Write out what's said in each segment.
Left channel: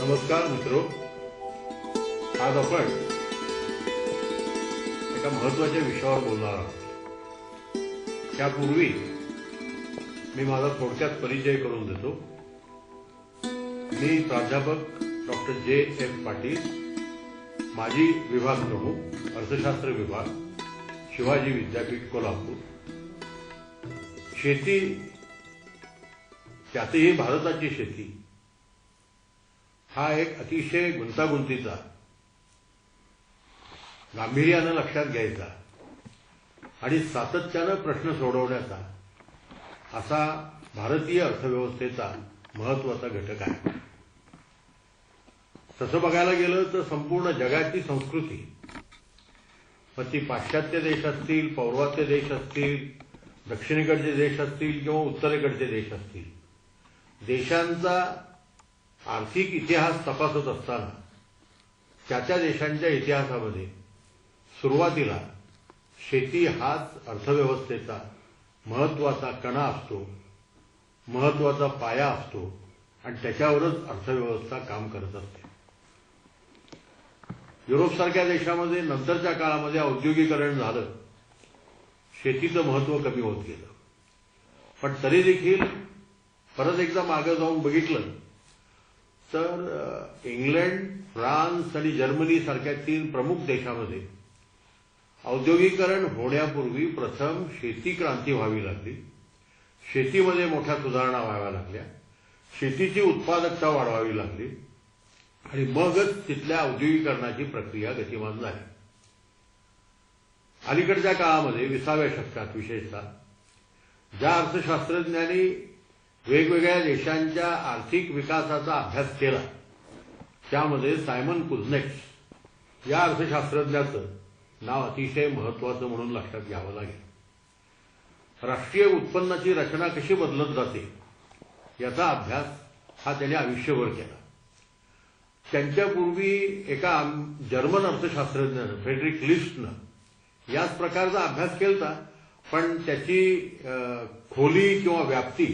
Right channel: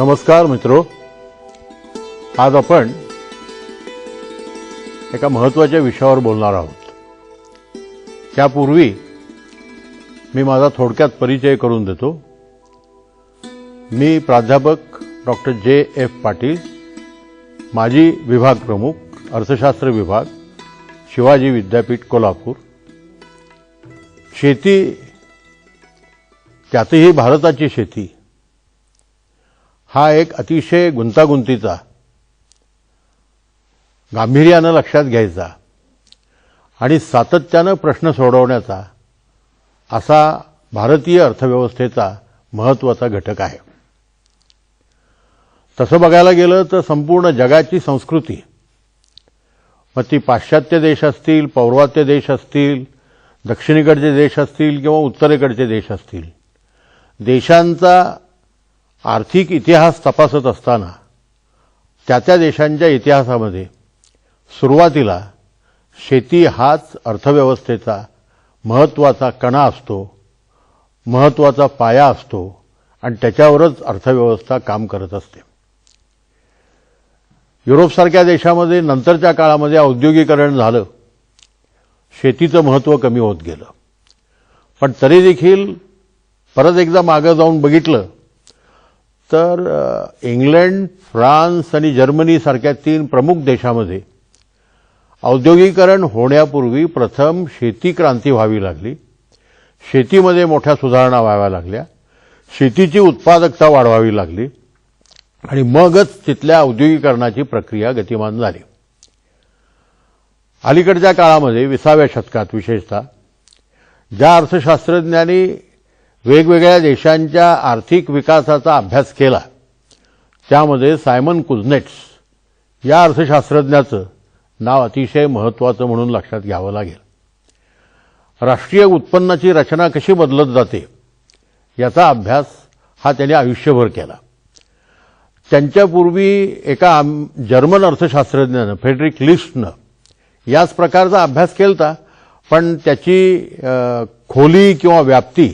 नमस्कार मित्रो, आज आपण एका महत्त्वाच्या विषयावर बोलणार आहोत। त्यापूर्वी मी माझा थोडक्यात परिचय करून देतो। मी प्राध्यापक डॉक्टर जे.एफ. पाटील, माजी विभाग प्रमुख, अर्थशास्त्र विभाग, शिवाजी विद्यापीठ, कोल्हापूर। शेती, त्यातही भारताची शेती, हा एक अतिशय गुंतागुंतीचा, गांभीर्यानं लक्षात घ्यायचा आणि सातत्यानं प्रश्न सोडवण्याचा असा भारतीय अर्थव्यवस्थेचा महत्त्वाचा घटक आहे। तसं बघायला गेलं तर संपूर्ण जगाची संस्कृती, मग ती पाश्चात्य देश असतील, पौर्वात्य देश असतील, दक्षिणेकडचे देश असतील किंवा उत्तरेकडचे देश असतील, देशांचा आर्थिक इतिहास तपासत असताना त्या देशांच्या इतिहासामध्ये सुरुवातीला शेती हाच अर्थव्यवस्थेचा महत्त्वाचा कणा असतो, महत्त्वाचा पाया असतो आणि त्याच्यावरच अर्थव्यवस्था काम करत असते। युरोपसारख्या देशामध्ये नंतरच्या काळामध्ये औद्योगिकरण झालं, शेतीचं महत्त्व कमी होत गेलं। पण तरी देखील परत एकदा मागे जाऊन बघितलं तर इंग्लंड, फ्रान्स आणि जर्मनी सारख्या 3 प्रमुख देशांमध्ये औद्योगिकरण होण्यापूर्वी प्रथम शेती क्रांती व्हावी लागली, शेतीमध्ये मोठ्या सुधारणा व्हाव्या लागल्या, शेतीची उत्पादकता वाढवावी लागली आणि मगच तिथल्या औद्योगिकरणाची प्रक्रिया गतिमान झाली। अलीकडच्या काळामध्ये 20व्या शतकात विशेषतः ज्या अर्थशास्त्रज्ञांनी वेगवेगळ्या देशांच्या आर्थिक विकासाचा अभ्यास केला, त्यामध्ये सायमन कुझनेट्स या अर्थशास्त्रज्ञाचं नाव अतिशय महत्त्वाचं म्हणून लक्षात घ्यावं लागेल। राष्ट्रीय उत्पन्नाची रचना कशी बदलत जाते याचा अभ्यास हा त्यांनी आयुष्यभर केला। त्यांच्यापूर्वी एका जर्मन अर्थशास्त्रज्ञानं, फ्रेडरिक लिस्टनं याच प्रकारचा अभ्यास केला, पण त्याची खोली किंवा व्याप्ती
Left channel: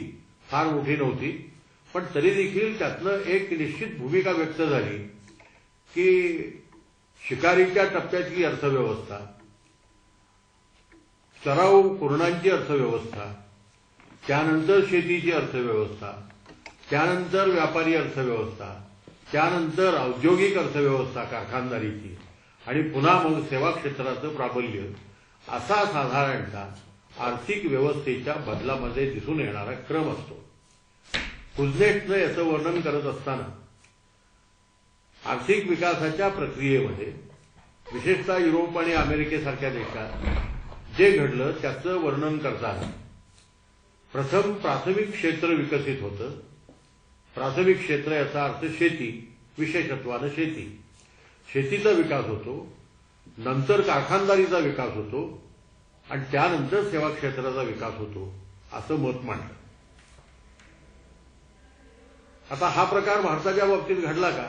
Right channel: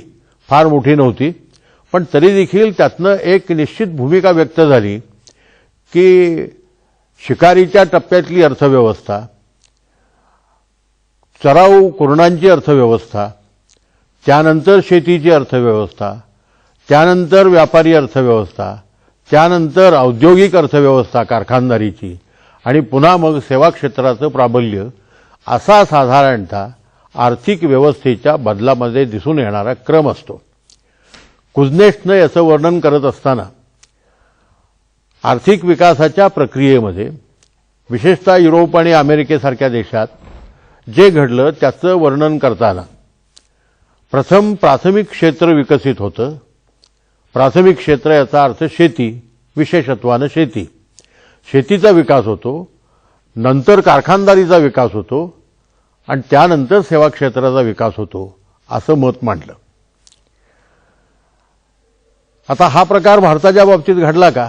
फार मोठी नव्हती। पण तरी देखील त्यातनं एक निश्चित भूमिका व्यक्त झाली की शिकारीच्या टप्प्यातली अर्थव्यवस्था, चराऊ कुरणांची अर्थव्यवस्था, त्यानंतर शेतीची अर्थव्यवस्था, त्यानंतर व्यापारी अर्थव्यवस्था, त्यानंतर औद्योगिक अर्थव्यवस्था कारखानदारीची आणि पुन्हा मग सेवा क्षेत्राचं प्राबल्य, असा साधारणतः आर्थिक व्यवस्थेच्या बदलामध्ये दिसून येणारा क्रम असतो। कुझनेट्सनं याचं वर्णन करत असताना आर्थिक विकासाच्या प्रक्रियेमध्ये विशेषतः युरोप आणि अमेरिकेसारख्या देशात जे घडलं त्याचं वर्णन करताना प्रथम प्राथमिक क्षेत्र विकसित होतं। प्राथमिक क्षेत्र याचा अर्थ शेती, विशेषत्वानं शेती, शेतीचा विकास होतो, नंतर कारखानदारीचा विकास होतो आणि त्यानंतर सेवा क्षेत्राचा विकास होतो, असं मत मांडलं। आता हा प्रकार भारताच्या बाबतीत घडला का?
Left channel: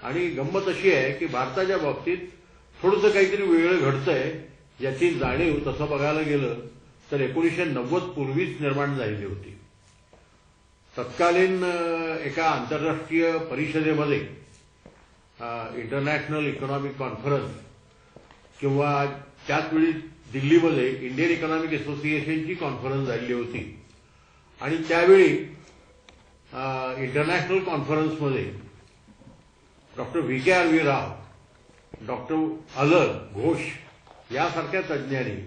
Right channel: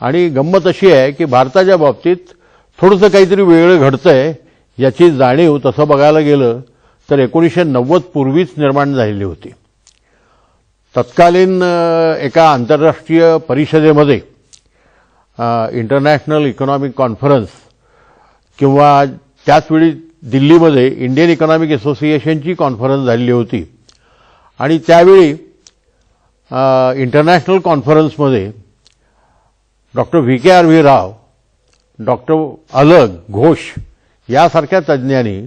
आणि गंमत अशी आहे की भारताच्या बाबतीत थोडंसं काहीतरी वेगळं घडतंय याची जाणीव तसं बघायला गेलं तर 1990 पूर्वीच निर्माण झालेली होती। तत्कालीन एका आंतरराष्ट्रीय परिषदेमध्ये, इंटरनॅशनल इकॉनॉमिक कॉन्फरन्स, किंवा त्याचवेळी दिल्लीमध्ये इंडियन इकॉनॉमिक असोसिएशनची कॉन्फरन्स झालेली होती आणि त्यावेळी इंटरनॅशनल कॉन्फरन्समध्ये डॉक्टर V.K.R.V. राव, डॉक्टर अलग, घोष यासारख्या तज्ज्ञांनी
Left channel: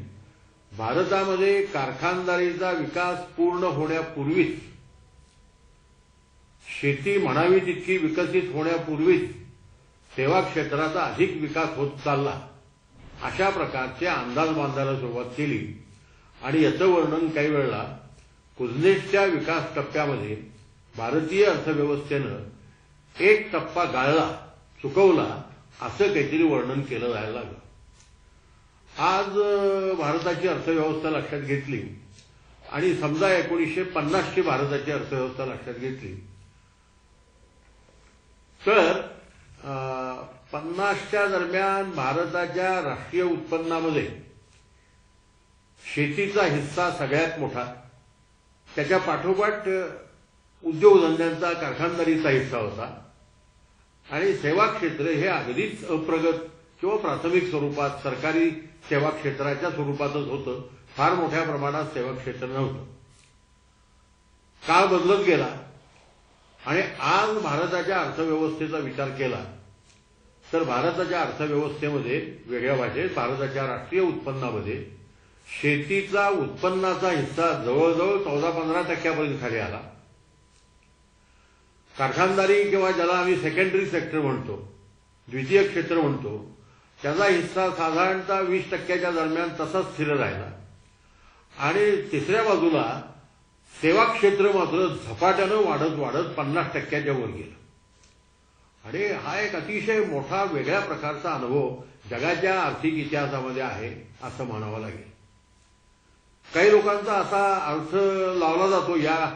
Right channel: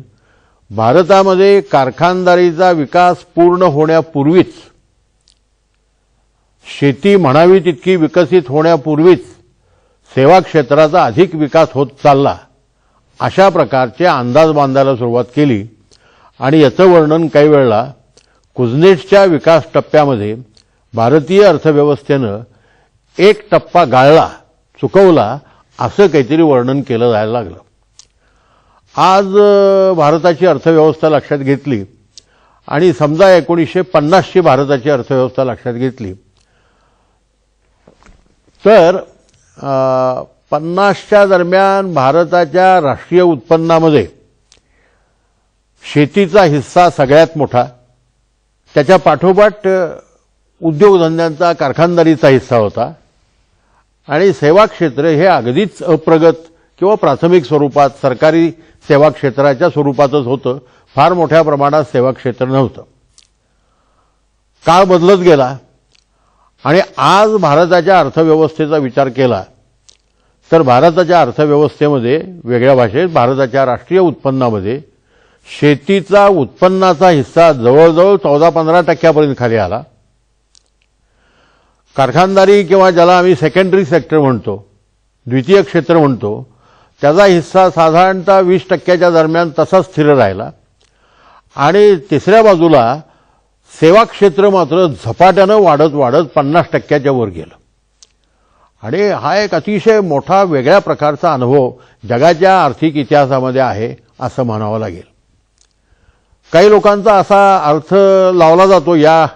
भारतामध्ये कारखानदारीचा विकास पूर्ण होण्यापूर्वीच, शेती म्हणावी तितकी विकसित होण्यापूर्वीच सेवा क्षेत्राचा अधिक विकास होत चालला, अशा प्रकारचे अंदाज बांधायला सुरुवात केली आणि याचं वर्णन काही वेळेला कुझनेट्सच्या विकास टप्प्यामध्ये भारतीय अर्थव्यवस्थेनं एक टप्पा गाळला, चुकवला, असं काहीतरी वर्णन केलं जायला लागलं। आज भारताची अर्थव्यवस्था लक्षात घेतली आणि समजा 1950ची भारताची अर्थव्यवस्था लक्षात घेतली तर 50च्या दरम्यान भारताच्या राष्ट्रीय उत्पन्नामध्ये शेतीचा हिस्सा सगळ्यात मोठा, त्याच्या पाठोपाठ उद्योगधंद्यांचा कारखानदारीचा हिस्सा होता आणि सेवा क्षेत्र हे अगदीच अप्रगत किंवा प्राथमिक स्वरूपात सरकारी सेवा क्षेत्राच्या स्वरूपातच होतं. फार मोठ्या प्रमाणात सेवा क्षेत्र नव्हतं. काळ बदलत गेला आणि आज भारताच्या अर्थव्यवस्थेचा विचार केला तर भारताच्या अर्थव्यवस्थेमध्ये वेगळ्या भाषेत भारताच्या राष्ट्रीय उत्पन्नामध्ये शेतीचा उत्पन्नाचा हिस्सा जवळजवळ 14-15% खाली आला. कारखानदारी किंवा ज्याला आम्ही सेकंडरी सेक्टर म्हणतो, द्वितीय क्षेत्र म्हणतो, त्याचा हिस्सा साधारणतः 20% दरम्यान तसा स्थिर राहिला आणि तिसऱ्या बाजूला सेवा क्षेत्र मात्र झपाट्यानं वाढत वाढत 50% वर गेलं. आणि हा एक अतिशय मोठा वेगळ्या प्रकारचा अनुभव जगाच्या आर्थिक इतिहासामध्ये आहे असं म्हणावं लागेल. काही लोकांचा असा अर्थ लावला जातो या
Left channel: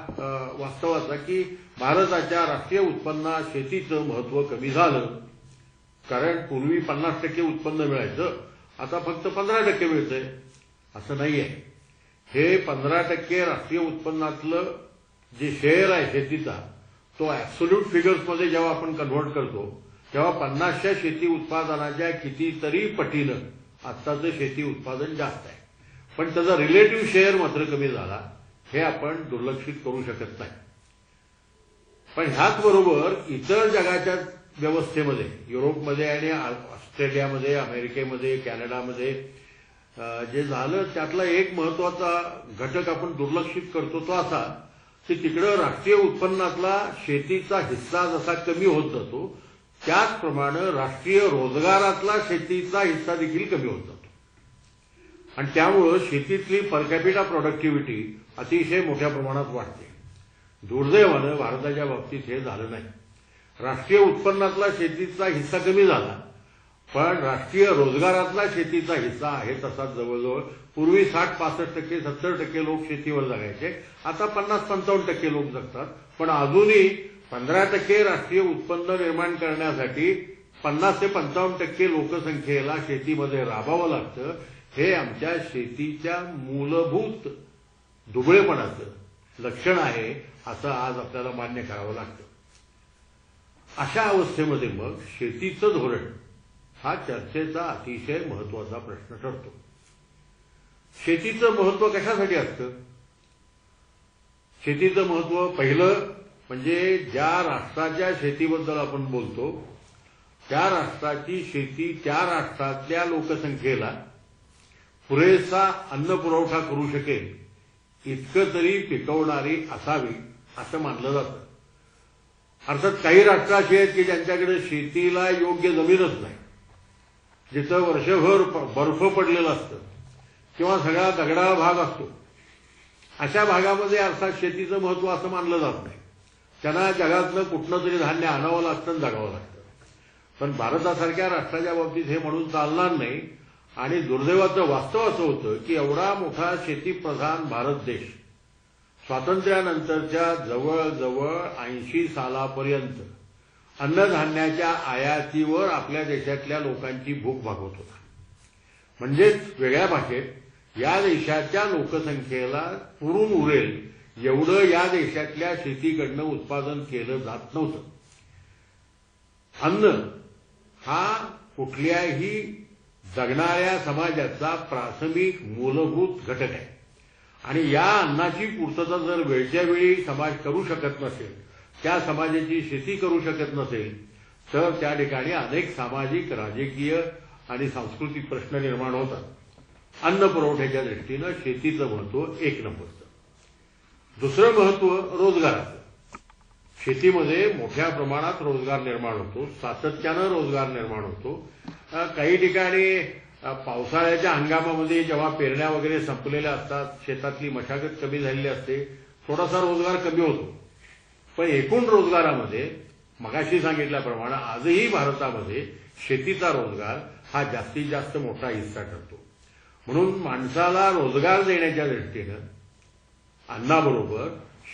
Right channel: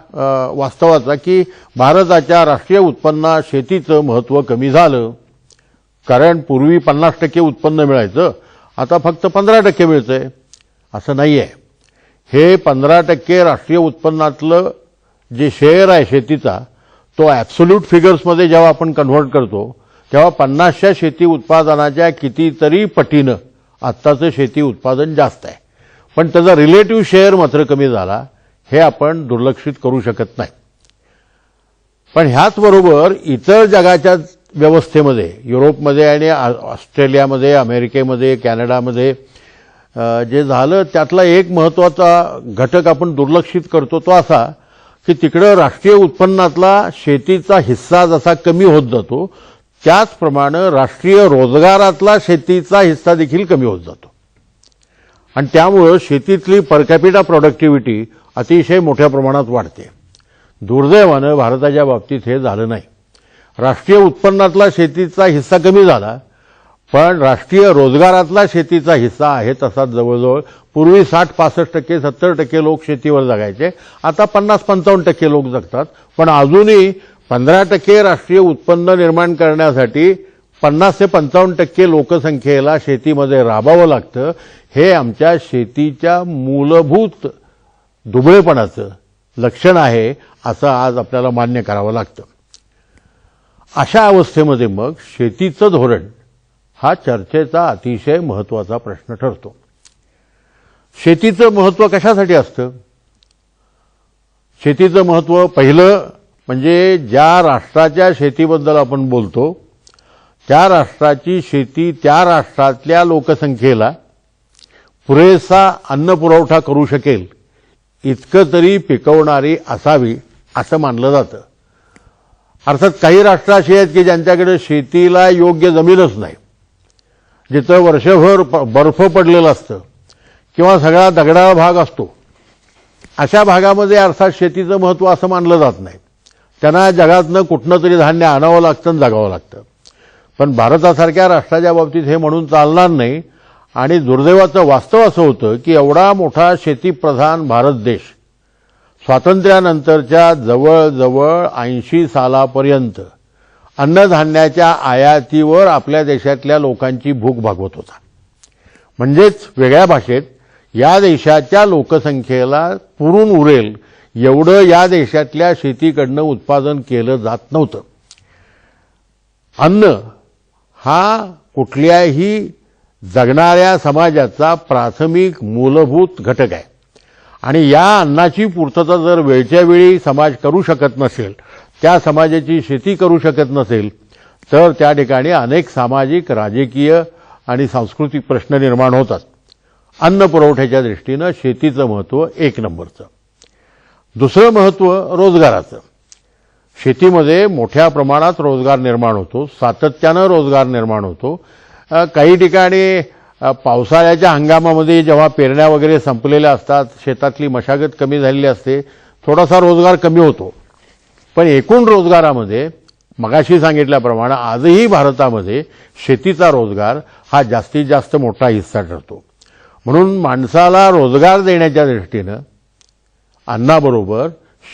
वास्तवाचा की भारताच्या राष्ट्रीय उत्पन्नात शेतीचं महत्त्व कमी झालं, कारण पूर्वी 50% उत्पन्न मिळायचं, आता फक्त 15% मिळतंय. असं नाहीये. हे 15% राष्ट्रीय उत्पन्नातलं जे शेअर आहे शेतीचा, तो ॲब्सोल्यूट फिगर्समध्ये जेव्हा आपण कन्व्हर्ट करतो तेव्हा 50च्या शेती उत्पादनाच्या कितीतरी पटीनं आत्ताचं शेती उत्पादन जास्त आहे. पण त्याचा रिलेटिव्ह शेअर मात्र कमी झाला, हे आपण दुर्लक्षित करू शकत नाही. पण ह्याच बरोबर इतर जगाच्या व्यवस्थेमध्ये, युरोपमध्ये आणि ऑस्ट्रेलियामध्ये, अमेरिकेमध्ये, कॅनडामध्ये जे झालं त्यातला एक महत्त्वाचा घटक आपण दुर्लक्षित करतो तो असा की तिकडं राष्ट्रीय उत्पन्नातला शेतीचा हिस्सा जसा कमी होत जातो त्याचप्रमाणे राष्ट्रीय रोजगारातला शेतीचा हिस्सा देखील कमी होत जातो आणि त्यामुळे शेतीतली पर कॅपिटा प्रोडक्टिव्हिटी अतिशय मोठ्या प्रमाणात वाढते. दुर्दैवानं भारताच्या बाबतीत हे झालं नाही. राष्ट्रीय उत्पन्नातला शेतीचा हिस्सा कमी झाला, पण राष्ट्रीय रोजगारातला शेतीचा हिस्सा आहे तसा जवळजवळ पूर्वी 60-65%, 70% लोक शेतीवर जगायचे, आता 50-55% लोक जगतात. पण अजूनही 15% राष्ट्रीय उत्पन्न निर्माण करण्यासाठी 50 ते 55% लोकसंख्येला शेतीमध्ये राबावं लागतं. हे आमच्या शेतीच्या मूलभूत दुबळेपणाचं लक्षण आहे असं आज आपल्याला मान्य करावं लागतं. अशा अवस्थेमध्ये मग शेतीचं धोरण हा चर्चेचा अतिशय महत्त्वाचा प्रश्न ठरतो. शेतीचं महत्त्व कशासाठी असतं? शेतीचं महत्त्व पहिलं म्हणजे ज्या राष्ट्राच्या शेतीबद्दल आपण बोलतो त्या राष्ट्राची शेती त्या राष्ट्रातल्या लोकसंख्येला पुरेसा अन्न पुरवठा करू शकेल इतकं तरी पिकवणारी असावी असं मानलं जातं. अर्थात काही राष्ट्र अशी आहेत की ज्यांच्याकडे शेतीला योग्य जमीनच नाही, जिथं वर्षभर बर्फ पडलेलं असतं किंवा सगळा दगडाळ भाग असतो. अशा भागामध्ये अर्थात शेतीचं महत्त्व असं मानलं जात नाही. त्यांना जगातनं कुठनं तरी धान्य आणावं लागतं आणि जगावं लागतं. पण भारतासारख्या राष्ट्राच्या बाबतीत हे म्हणून चालणार नाही आणि दुर्दैवाचं वास्तव असं होतं की एवढा मोठा शेतीप्रधान भारत देश स्वातंत्र्यानंतरच्या जवळजवळ 80 सालापर्यंत अन्नधान्याच्या आयातीवर आपल्या देशातल्या लोकांची भूक भागवत होता. म्हणजेच वेगळ्या भाषेत या देशाच्या लोकसंख्येला पुरून उरेल एवढं या देशातल्या शेतीकडनं उत्पादन केलं जात नव्हतं. अन्न हा कुठल्याही जगणाऱ्या समाजाचा प्राथमिक मूलभूत घटक आहे आणि या अन्नाची पूर्तता जर वेळच्या वेळी समाज करू शकत नसेल, त्या समाजाची शेती करू शकत नसेल, तर त्या ठिकाणी अनेक सामाजिक, राजकीय आणि सांस्कृतिक प्रश्न निर्माण होतात. अन्न पुरवठ्याच्या दृष्टीनं शेतीचं महत्त्व एक नंबरचं. दुसरं महत्त्व रोजगाराचं. शेतीमध्ये मोठ्या प्रमाणात रोजगार निर्माण होतो, सातत्यानं रोजगार निर्माण होतो. काही ठिकाणी पावसाळ्याच्या हंगामामध्ये जेव्हा पेरण्या वगैरे संपलेल्या असतात, शेतातली मशागत कमी झालेली असते, थोडासा रोजगार कमी होतो. पण एकूण रोजगारामध्ये मगाशी सांगितल्याप्रमाणे आजही भारतामध्ये शेतीचा रोजगार हा जास्तीत जास्त मोठा हिस्सा ठरतो. म्हणून माणसाला रोजगार देण्याच्या दृष्टीनं अन्नाबरोबर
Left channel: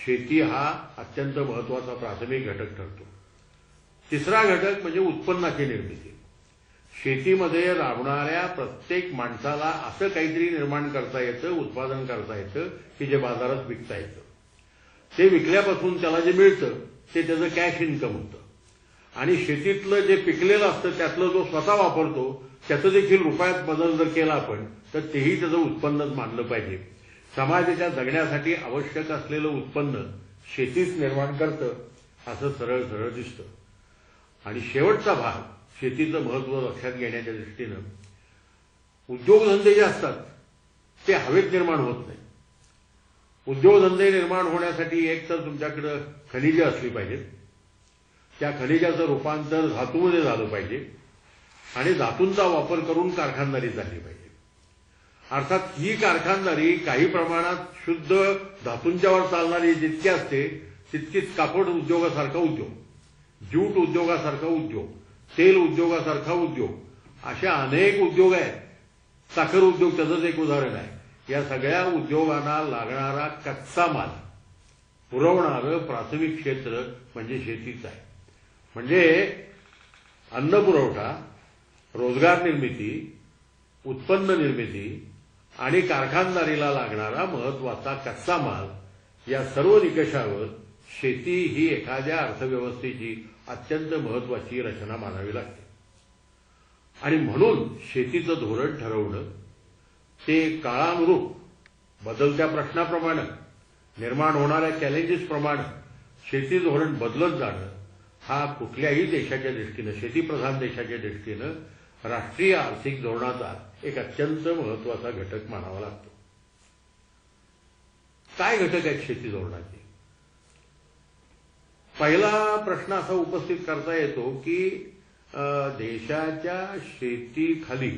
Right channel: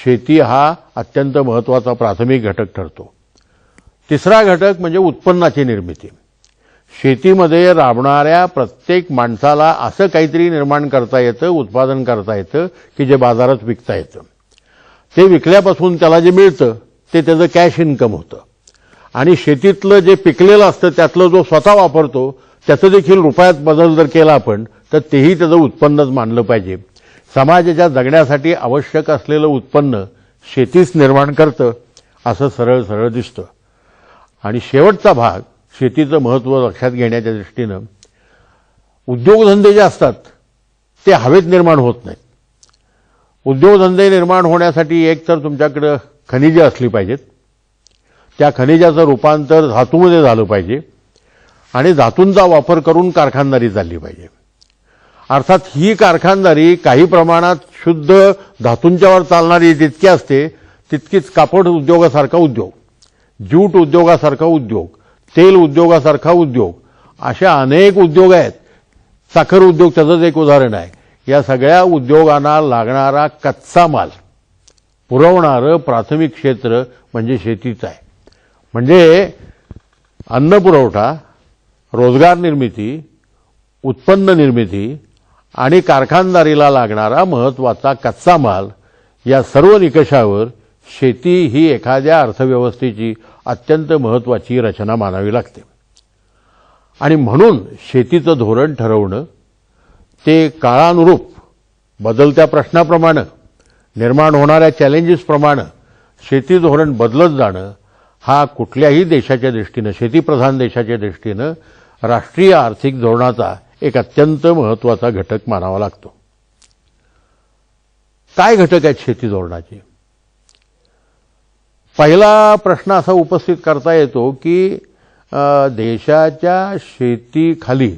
शेती हा अत्यंत महत्त्वाचा प्राथमिक घटक ठरतो. तिसरा घटक म्हणजे उत्पन्नाची निर्मिती. शेतीमध्ये राबणाऱ्या प्रत्येक माणसाला असं काहीतरी निर्माण करता येतं, उत्पादन करता येतं की जे बाजारात विकता येतं. ते विकल्यापासून त्याला जे मिळतं ते त्याचं कॅश इन्कम होतं आणि शेतीतलं जे पिकलेलं असतं त्यातलं जो स्वतः वापरतो त्याचं देखील रुपयात बदल जर केला आपण तर तेही त्याचं उत्पन्नच मानलं पाहिजे. समाजाच्या जगण्यासाठी आवश्यक असलेलं उत्पन्न शेतीच निर्माण करतं असं सरळ सरळ दिसतं. आणि शेवटचा भाग शेतीचं महत्त्व लक्षात घेण्याच्या दृष्टीनं उद्योगधंदे जे असतात ते हवेत निर्माण होत नाहीत. उद्योगधंदे निर्माण होण्यासाठी एक तर तुमच्याकडे खनिजे असली पाहिजेत, त्या खनिजाचं रूपांतर धातूमध्ये झालं पाहिजे आणि धातूंचा वापर करून कारखानदारी चालली पाहिजे. अर्थात ही कारखानदारी काही प्रमाणात शुद्ध धातूंच्यावर चालणारी जितकी असते तितकीच कापड उद्योगासारखा उद्योग, ज्यूट उद्योगासारखा उद्योग, तेल उद्योगासारखा उद्योग, अशा अनेक उद्योग आहेत. साखर उद्योग त्याचंच एक उदाहरण आहे. या सगळ्या उद्योगांना लागणारा कच्चा माल पुरवणारं प्राथमिक क्षेत्र म्हणजे शेतीच आहे. म्हणजे अन्न पुरवठा, रोजगार निर्मिती, उत्पन्न निर्मिती आणि कारखानदारीला लागणारा महत्त्वाचा कच्चा माल या सर्व निकषावर शेती ही एखाद्या अर्थव्यवस्थेची अत्यंत महत्त्वाची रचना मानावी लागते. आणि म्हणून शेतीचं धोरण ठरवणं ते काळानुरूप बदलत्या प्रश्नाप्रमाणे, निर्माण होणाऱ्या चॅलेंजेसप्रमाणे शेती धोरण बदलत जाणं हा कुठल्याही देशाच्या दृष्टीनं, शेतीप्रधान देशाच्या दृष्टीनं राष्ट्रीय आर्थिक धोरणाचा एक अत्यंत महत्त्वाचा घटक मानावा लागतो. काय घटक आहेत शेती धोरणाचे? पहिला प्रश्न असा उपस्थित करता येतो की देशाच्या शेतीखाली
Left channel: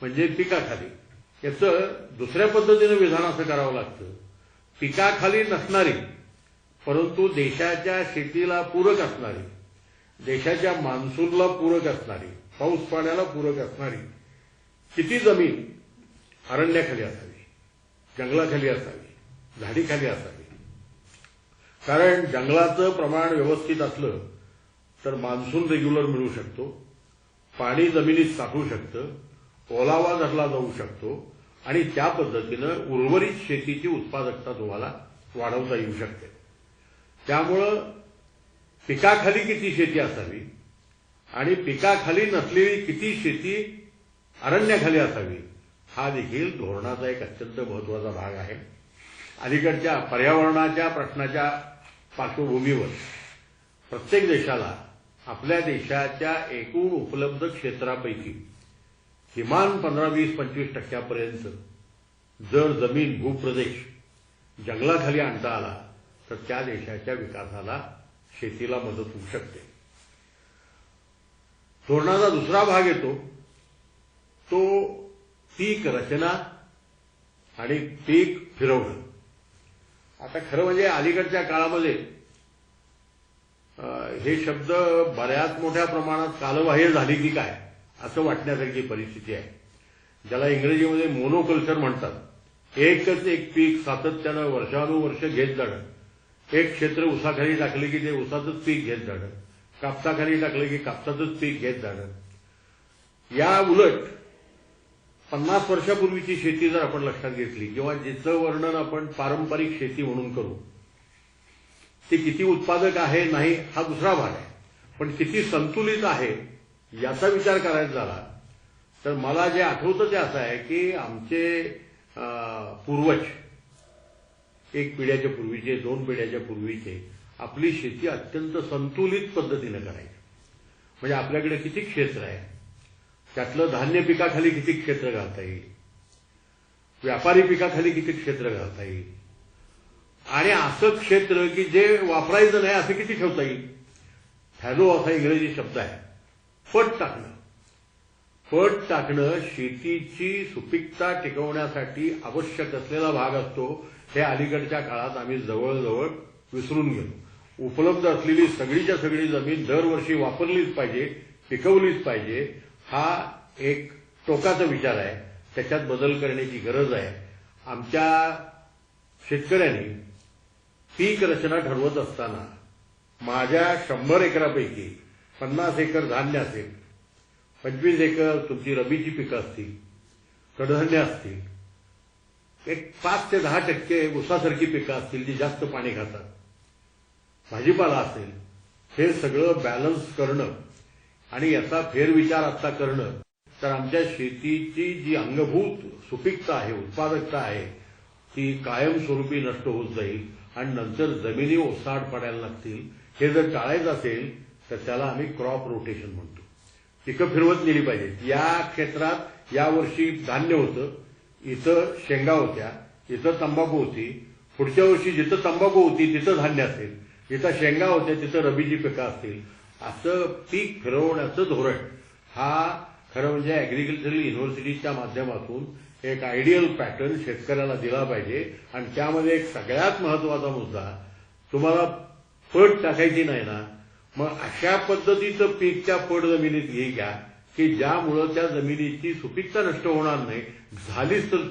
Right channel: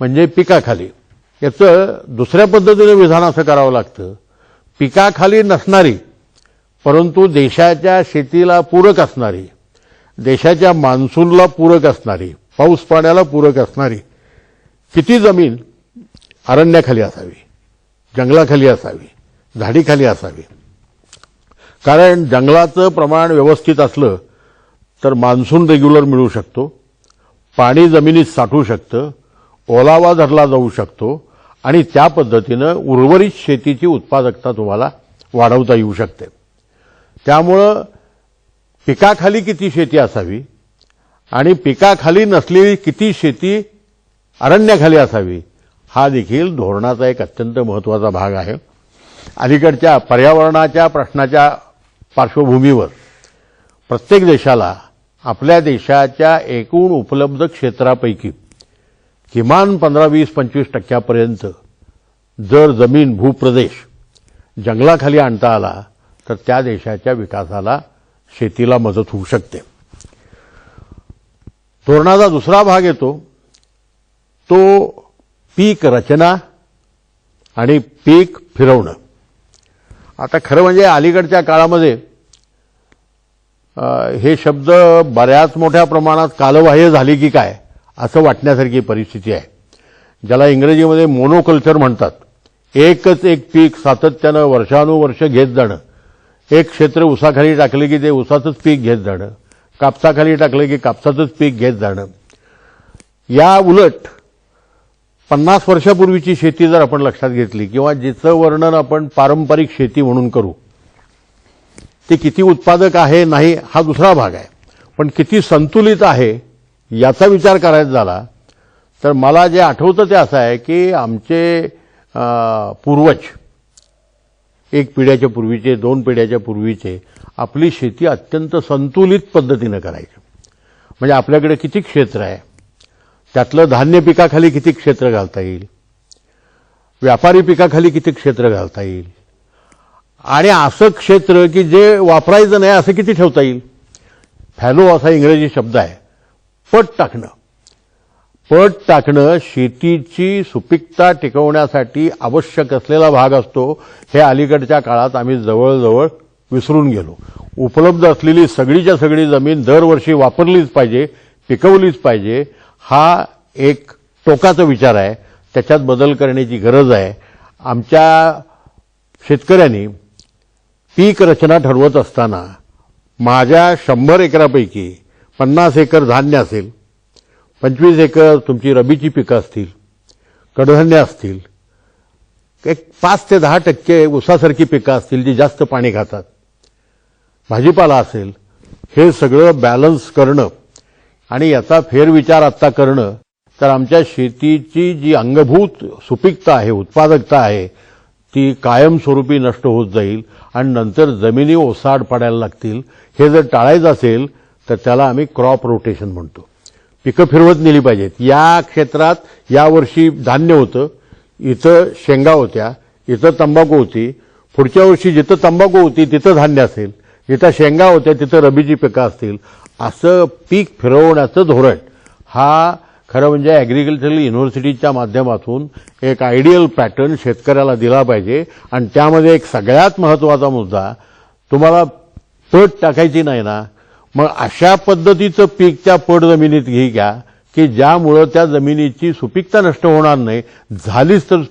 म्हणजे पिकाखाली, याचं दुसऱ्या पद्धतीने विधान असं करावं लागतं. पिकाखाली नसणारी परंतु देशाच्या शेतीला पूरक असणारी, देशाच्या मान्सूनला पूरक असणारी, पाऊस पाण्याला पूरक असणारी किती जमीन अरण्याखाली असावी, जंगलाखाली असावी, झाडीखाली असावी. कारण जंगलाचं प्रमाण व्यवस्थित असलं तर मान्सून रेग्युलर मिळू शकतो, पाणी जमिनीत साठू शकतं, ओलावा धरला जाऊ शकतो आणि त्या पद्धतीनं उर्वरित शेतीची उत्पादकता तुम्हाला वाढवता येऊ शकते. त्यामुळं पिकाखाली किती शेती असावी आणि पिकाखाली नसलेली किती शेती अरण्याखाली असावी हा देखील धोरणाचा एक अत्यंत महत्त्वाचा भाग आहे. अलीकडच्या पर्यावरणाच्या प्रश्नाच्या पार्श्वभूमीवर प्रत्येक देशाला आपल्या देशाच्या एकूण उपलब्ध क्षेत्रापैकी किमान 15-20-25% जर जमीन भूप्रदेश जंगलाखाली आणता आला तर त्या देशाच्या विकासाला, शेतीला मदत होऊ शकते. धोरणाचा दुसरा भाग येतो तो पीक रचना आणि पीक फिरवणं. आता खरं म्हणजे अलीकडच्या काळामध्ये हे शब्द बऱ्याच मोठ्या प्रमाणात कालबाह्य झाले की काय असं वाटण्यासारखी परिस्थिती आहे. ज्याला इंग्रजीमध्ये मोनोकल्चर म्हणतात. एकच एक पीक सातत्यानं वर्षानुवर्ष घेत जाणं. एक क्षेत्र ऊसाखाली टाकले की ते ऊसाचंच पीक घेत जाणं, कापसाखाली टाकलं की कापसाचंच पीक घेत जाणं. या उलट 50 वर्षापूर्वीची शेती जर आपण लक्षात घेतली किंवा जिचं वर्णन आपण पारंपरिक शेती म्हणून करू, ती किती उत्पादक आहे नाही हा दुसरा भाग आहे, पण किती संतुलित आहे याचा विचार करायचा झाला तर मला जे आठवतं ते असं आहे की आमचे पूर्वज, एक पिढ्याच्या पूर्वीचे, 2 पिढ्याच्या पूर्वीचे आपली शेती अत्यंत संतुलित पद्धतीनं करायची. म्हणजे आपल्याकडे किती क्षेत्र आहे, त्यातलं धान्य पिकाखाली किती क्षेत्र घालता येईल, व्यापारी पिकाखाली किती क्षेत्र घालता येईल आणि असं क्षेत्र की जे वापरायचं नाही असं किती ठेवता येईल. फॅलो असा इंग्रजी शब्द आहे. पट टाकणं. पट टाकणं शेतीची सुपीकता टिकवण्यासाठी आवश्यक असलेला भाग असतो. हे अलीकडच्या काळात आम्ही जवळजवळ विसरून गेलो. उपलब्ध असलेली सगळीच्या सगळी जमीन दरवर्षी वापरलीच पाहिजे, पिकवलीच पाहिजे, हा एक टोकाचा विचार आहे. त्याच्यात बदल करण्याची गरज आहे. आमच्या शेतकऱ्यांनी पीक रचना ठरवत असताना माझ्या 100 एकरापैकी 50 एकर धान्य असेल, 25 एकर तुमची रबीची पिकं असतील, कडधान्य असतील, एक 5 ते 10% ऊसासारखी पिकं असतील जी जास्त पाणी खातात, भाजीपाला असेल, हे सगळं बॅलन्स करणं आणि याचा फेरविचार आत्ता करणं, तर आमच्या शेतीची जी अंगभूत सुपीकता आहे, उत्पादकता आहे, ती कायमस्वरूपी नष्ट होत जाईल आणि नंतर जमिनी ओसाड पडायला लागतील. हे जर टाळायचं असेल तर त्याला आम्ही क्रॉप रोटेशन म्हणतो. पिकं फिरवत नेली पाहिजेत. या क्षेत्रात यावर्षी धान्य होतं, इथं शेंगा होत्या, इथं तंबाखू होती, पुढच्या वर्षी जिथं तंबाखू होती तिथं धान्य असेल, जिथं शेंगा होत्या तिथं रबीची पिकं असतील. असं पीक फिरवण्याचं धोरण हा खरं म्हणजे ॲग्रिकल्चरल युनिव्हर्सिटीच्या माध्यमातून एक आयडियल पॅटर्न शेतकऱ्याला दिला पाहिजे. आणि त्यामध्ये एक सगळ्यात महत्त्वाचा मुद्दा, तुम्हाला पट टाकायची नाही ना, मग अशा पद्धतीचं पीक त्या पट जमिनीत घ्या की ज्यामुळं त्या जमिनीची सुपीकता नष्ट होणार नाही, झालीच तर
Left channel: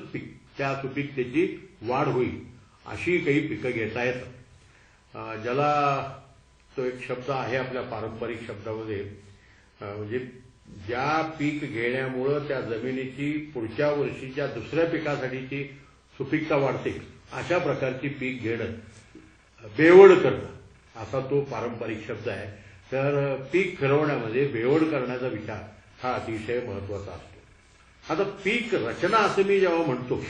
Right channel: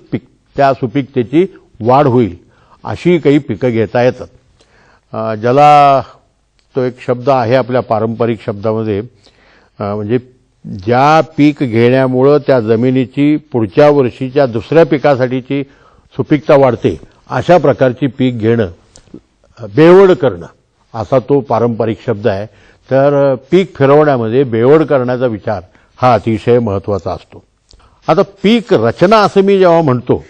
त्या सुपीकतेची वाढ होईल. अशी काही पिकं घेता येतात. ज्याला तो एक शब्द आहे आपल्या पारंपरिक शब्दामध्ये, म्हणजे ज्या पीक घेण्यामुळं त्या जमिनीची पुढच्या वर्षीच्या दुसऱ्या पिकासाठीची सुपीकता वाढते, अशा प्रकारची पीक घेणं, बेवड करणं, असा तो पारंपरिक शब्द आहे. तर पीक फिरवण्यामध्ये बेवड करण्याचा विचार हा अतिशय महत्त्वाचा असतो. आता पीक रचना असं मी जेव्हा म्हणतो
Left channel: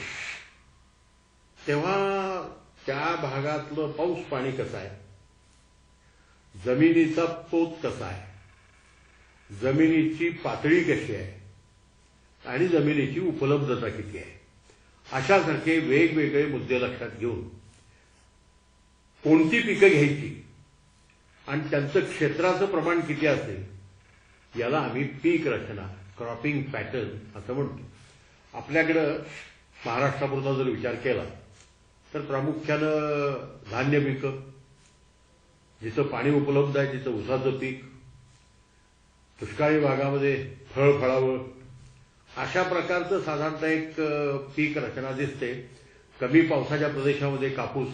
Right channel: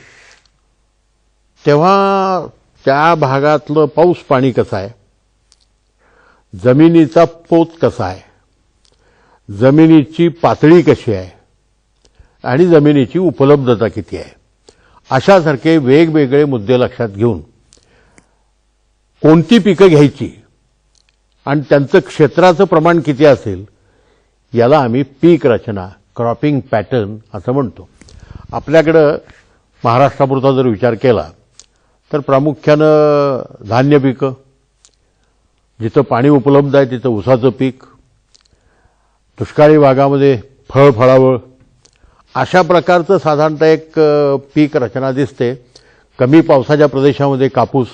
तेव्हा त्या भागातलं पाऊस पाणी कसं आहे, जमिनीचा पोत कसा आहे, जमिनीची पातळी कशी आहे आणि जमिनीची उपलब्धता किती आहे, अशासारखे वेगवेगळे मुद्दे लक्षात घेऊन कोणती पिकं घ्यायची आणि त्यांचं क्षेत्राचं प्रमाण किती असेल, याला आम्ही पीक रचना, क्रॉपिंग पॅटर्न असं म्हणतो. आपल्याकडं महाराष्ट्रापुरता जर विचार केला तर प्रामुख्यानं धान्य पिकं, जिथं पाणी उपलब्ध आहे तिथं ऊसाचं पीक, दुष्काळी भागामध्ये फळफळावळ, अशा प्रकारचं साधारणतः एक पीक रचना दिसते. कमी पावसाच्या प्रदेशामध्ये कापूस,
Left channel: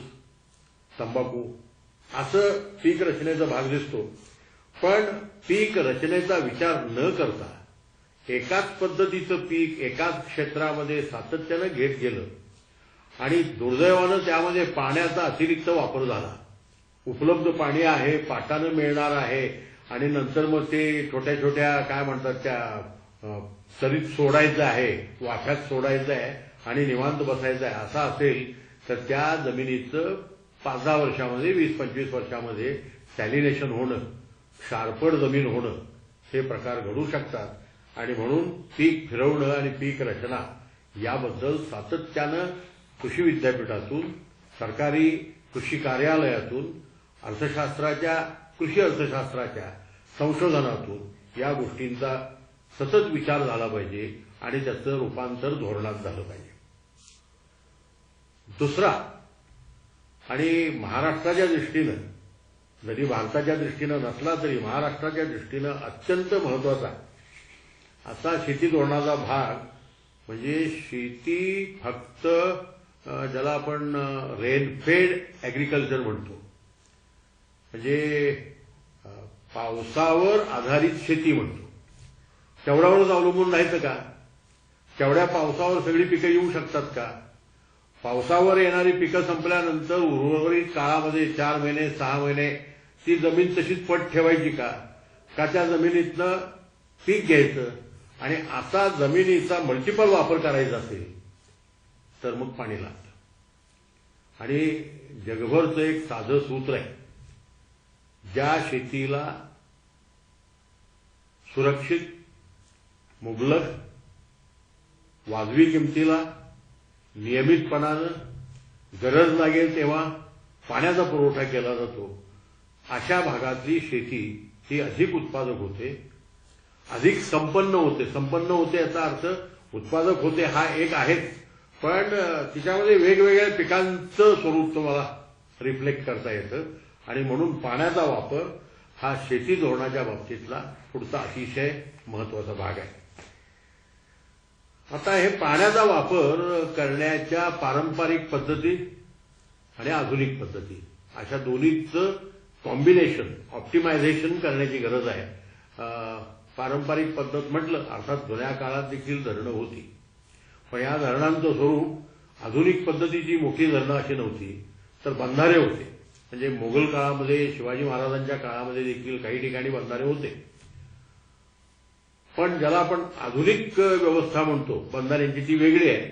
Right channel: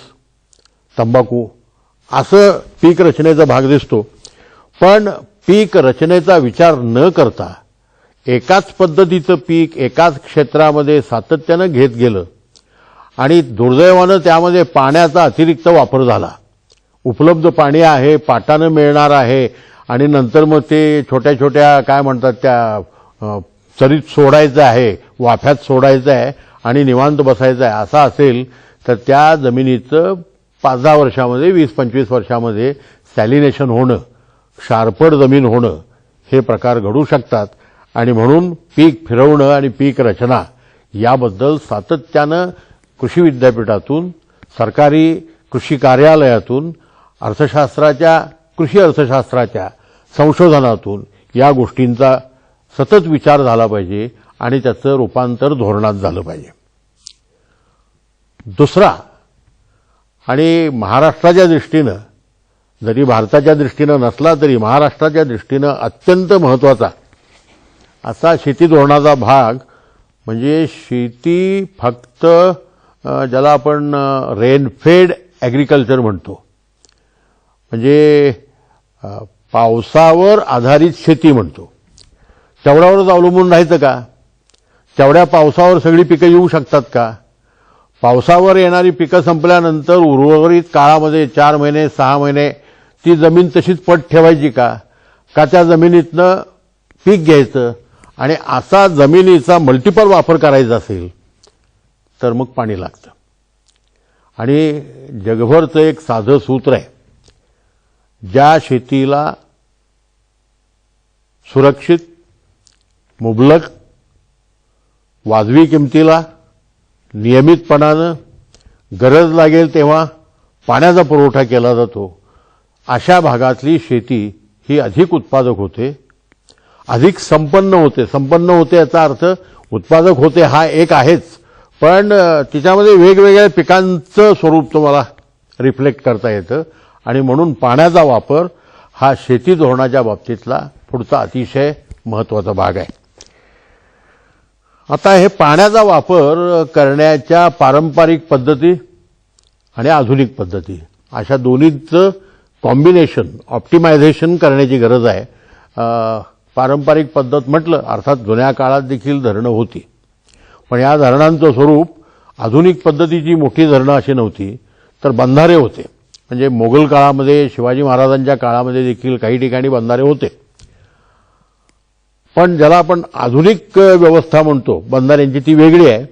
तंबाखू असं पीक रचनेचा भाग दिसतो. पण पीक रचनेचा विचार न करता एकाच पद्धतीचं पीक एकाच क्षेत्रामध्ये सातत्यानं घेत गेलं आणि दुर्दैवानं त्यामध्ये पाण्याचा अतिरिक्त वापर झाला. उपलब्ध पाणी आहे, पाटानं मिळणार आहे आणि नंतर मग ते छोट्या छोट्या काय म्हणतात त्या चरीत सोडायचं आहे, वाफ्यात सोडायचं आहे आणि निवांत बसायचं आहे, असं असेल तर त्या जमिनीचं 5-10 वर्षामध्ये, 20-25 वर्षामध्ये सॅलिनेशन होणं, क्षारपड जमीन होणं, हे प्रकार घडू शकतात. आणि म्हणून पीक फिरवणं आणि पीक रचना याबद्दल सातत्यानं कृषी विद्यापीठातून, सरकारी कृषी कार्यालयातून, कृषी अर्थशास्त्राच्या संशोधनातून या गोष्टींचा सतत विचार झाला पाहिजे आणि त्याचं रूपांतर धोरणात झालं पाहिजे. दुसरा, आणि महाराष्ट्राच्या दृष्टीनं, जरी भारताच्या दृष्टीनं नसला तरी महाराष्ट्राच्या दृष्टीनं अत्यंत महत्त्वाचा असा शेती धोरणाचा भाग म्हणजे शेती फक्त ज्याला आपण रेनफेड ॲग्रिकल्चर म्हणतो, म्हणजे पावसावर आधारित शेती म्हणतो. तेवढ्यावरच अवलंबून राहायचं का? तेवढ्या पावसावर सगळी पिकं येऊ शकतात का? पावसावर येणारी पिकं संपल्यानंतर उर्वरित काळामध्ये 4 महिने 6 महिने ती जमीन तशीच पट ठेवायची का? का त्या जमिनीतनं पीक घ्यायचं आणि असा जमिनीचा मल्टिपल वापर करायचा असेल तर मग पाणी लागतं. आणि जगभरचं एक साधं सूत्र आहे, ज्या शेतीला सुरक्षित, मुबलक, वाजवी किमतीला, नियमितपणानं गरज लागेल तेव्हा पाण्याचा पुरवठा केला जातो, अशा भागातली शेती ही अधिक उत्पादक होते, अधिक संपन्न होते. संपन्न होते याचा अर्थ उत्पादक होते हा एक आहेच, पण तिच्यामध्ये वेगवेगळ्या पिकांचं स्वरूप तुम्हाला रिफ्लेक्ट करता येतं. आणि म्हणून पाण्याचा वापर हा शेती धोरणाच्या बाबतीतला पुढचा अतिशय महत्त्वाचा भाग आहे. आता हे पाण्याचा वापर करण्याच्या पारंपरिक पद्धती आणि आधुनिक पद्धती अशा दोन्हीचं कॉम्बिनेशन, ऑप्टिमायझेशन करण्याची गरज आहे. पारंपरिक पद्धत म्हटलं अर्थात जुन्या काळात देखील धरणं होती, पण या धरणांचं स्वरूप आधुनिक पद्धतीची मोठी धरणं अशी नव्हती, तर बंधारे होते. म्हणजे मोगल काळामध्ये, शिवाजी महाराजांच्या काळामध्ये देखील काही ठिकाणी बंधारे होते. पण ज्याला आपण आधुनिक व्यवस्था म्हणतो बंधाऱ्यांची, ती वेगळी आहे.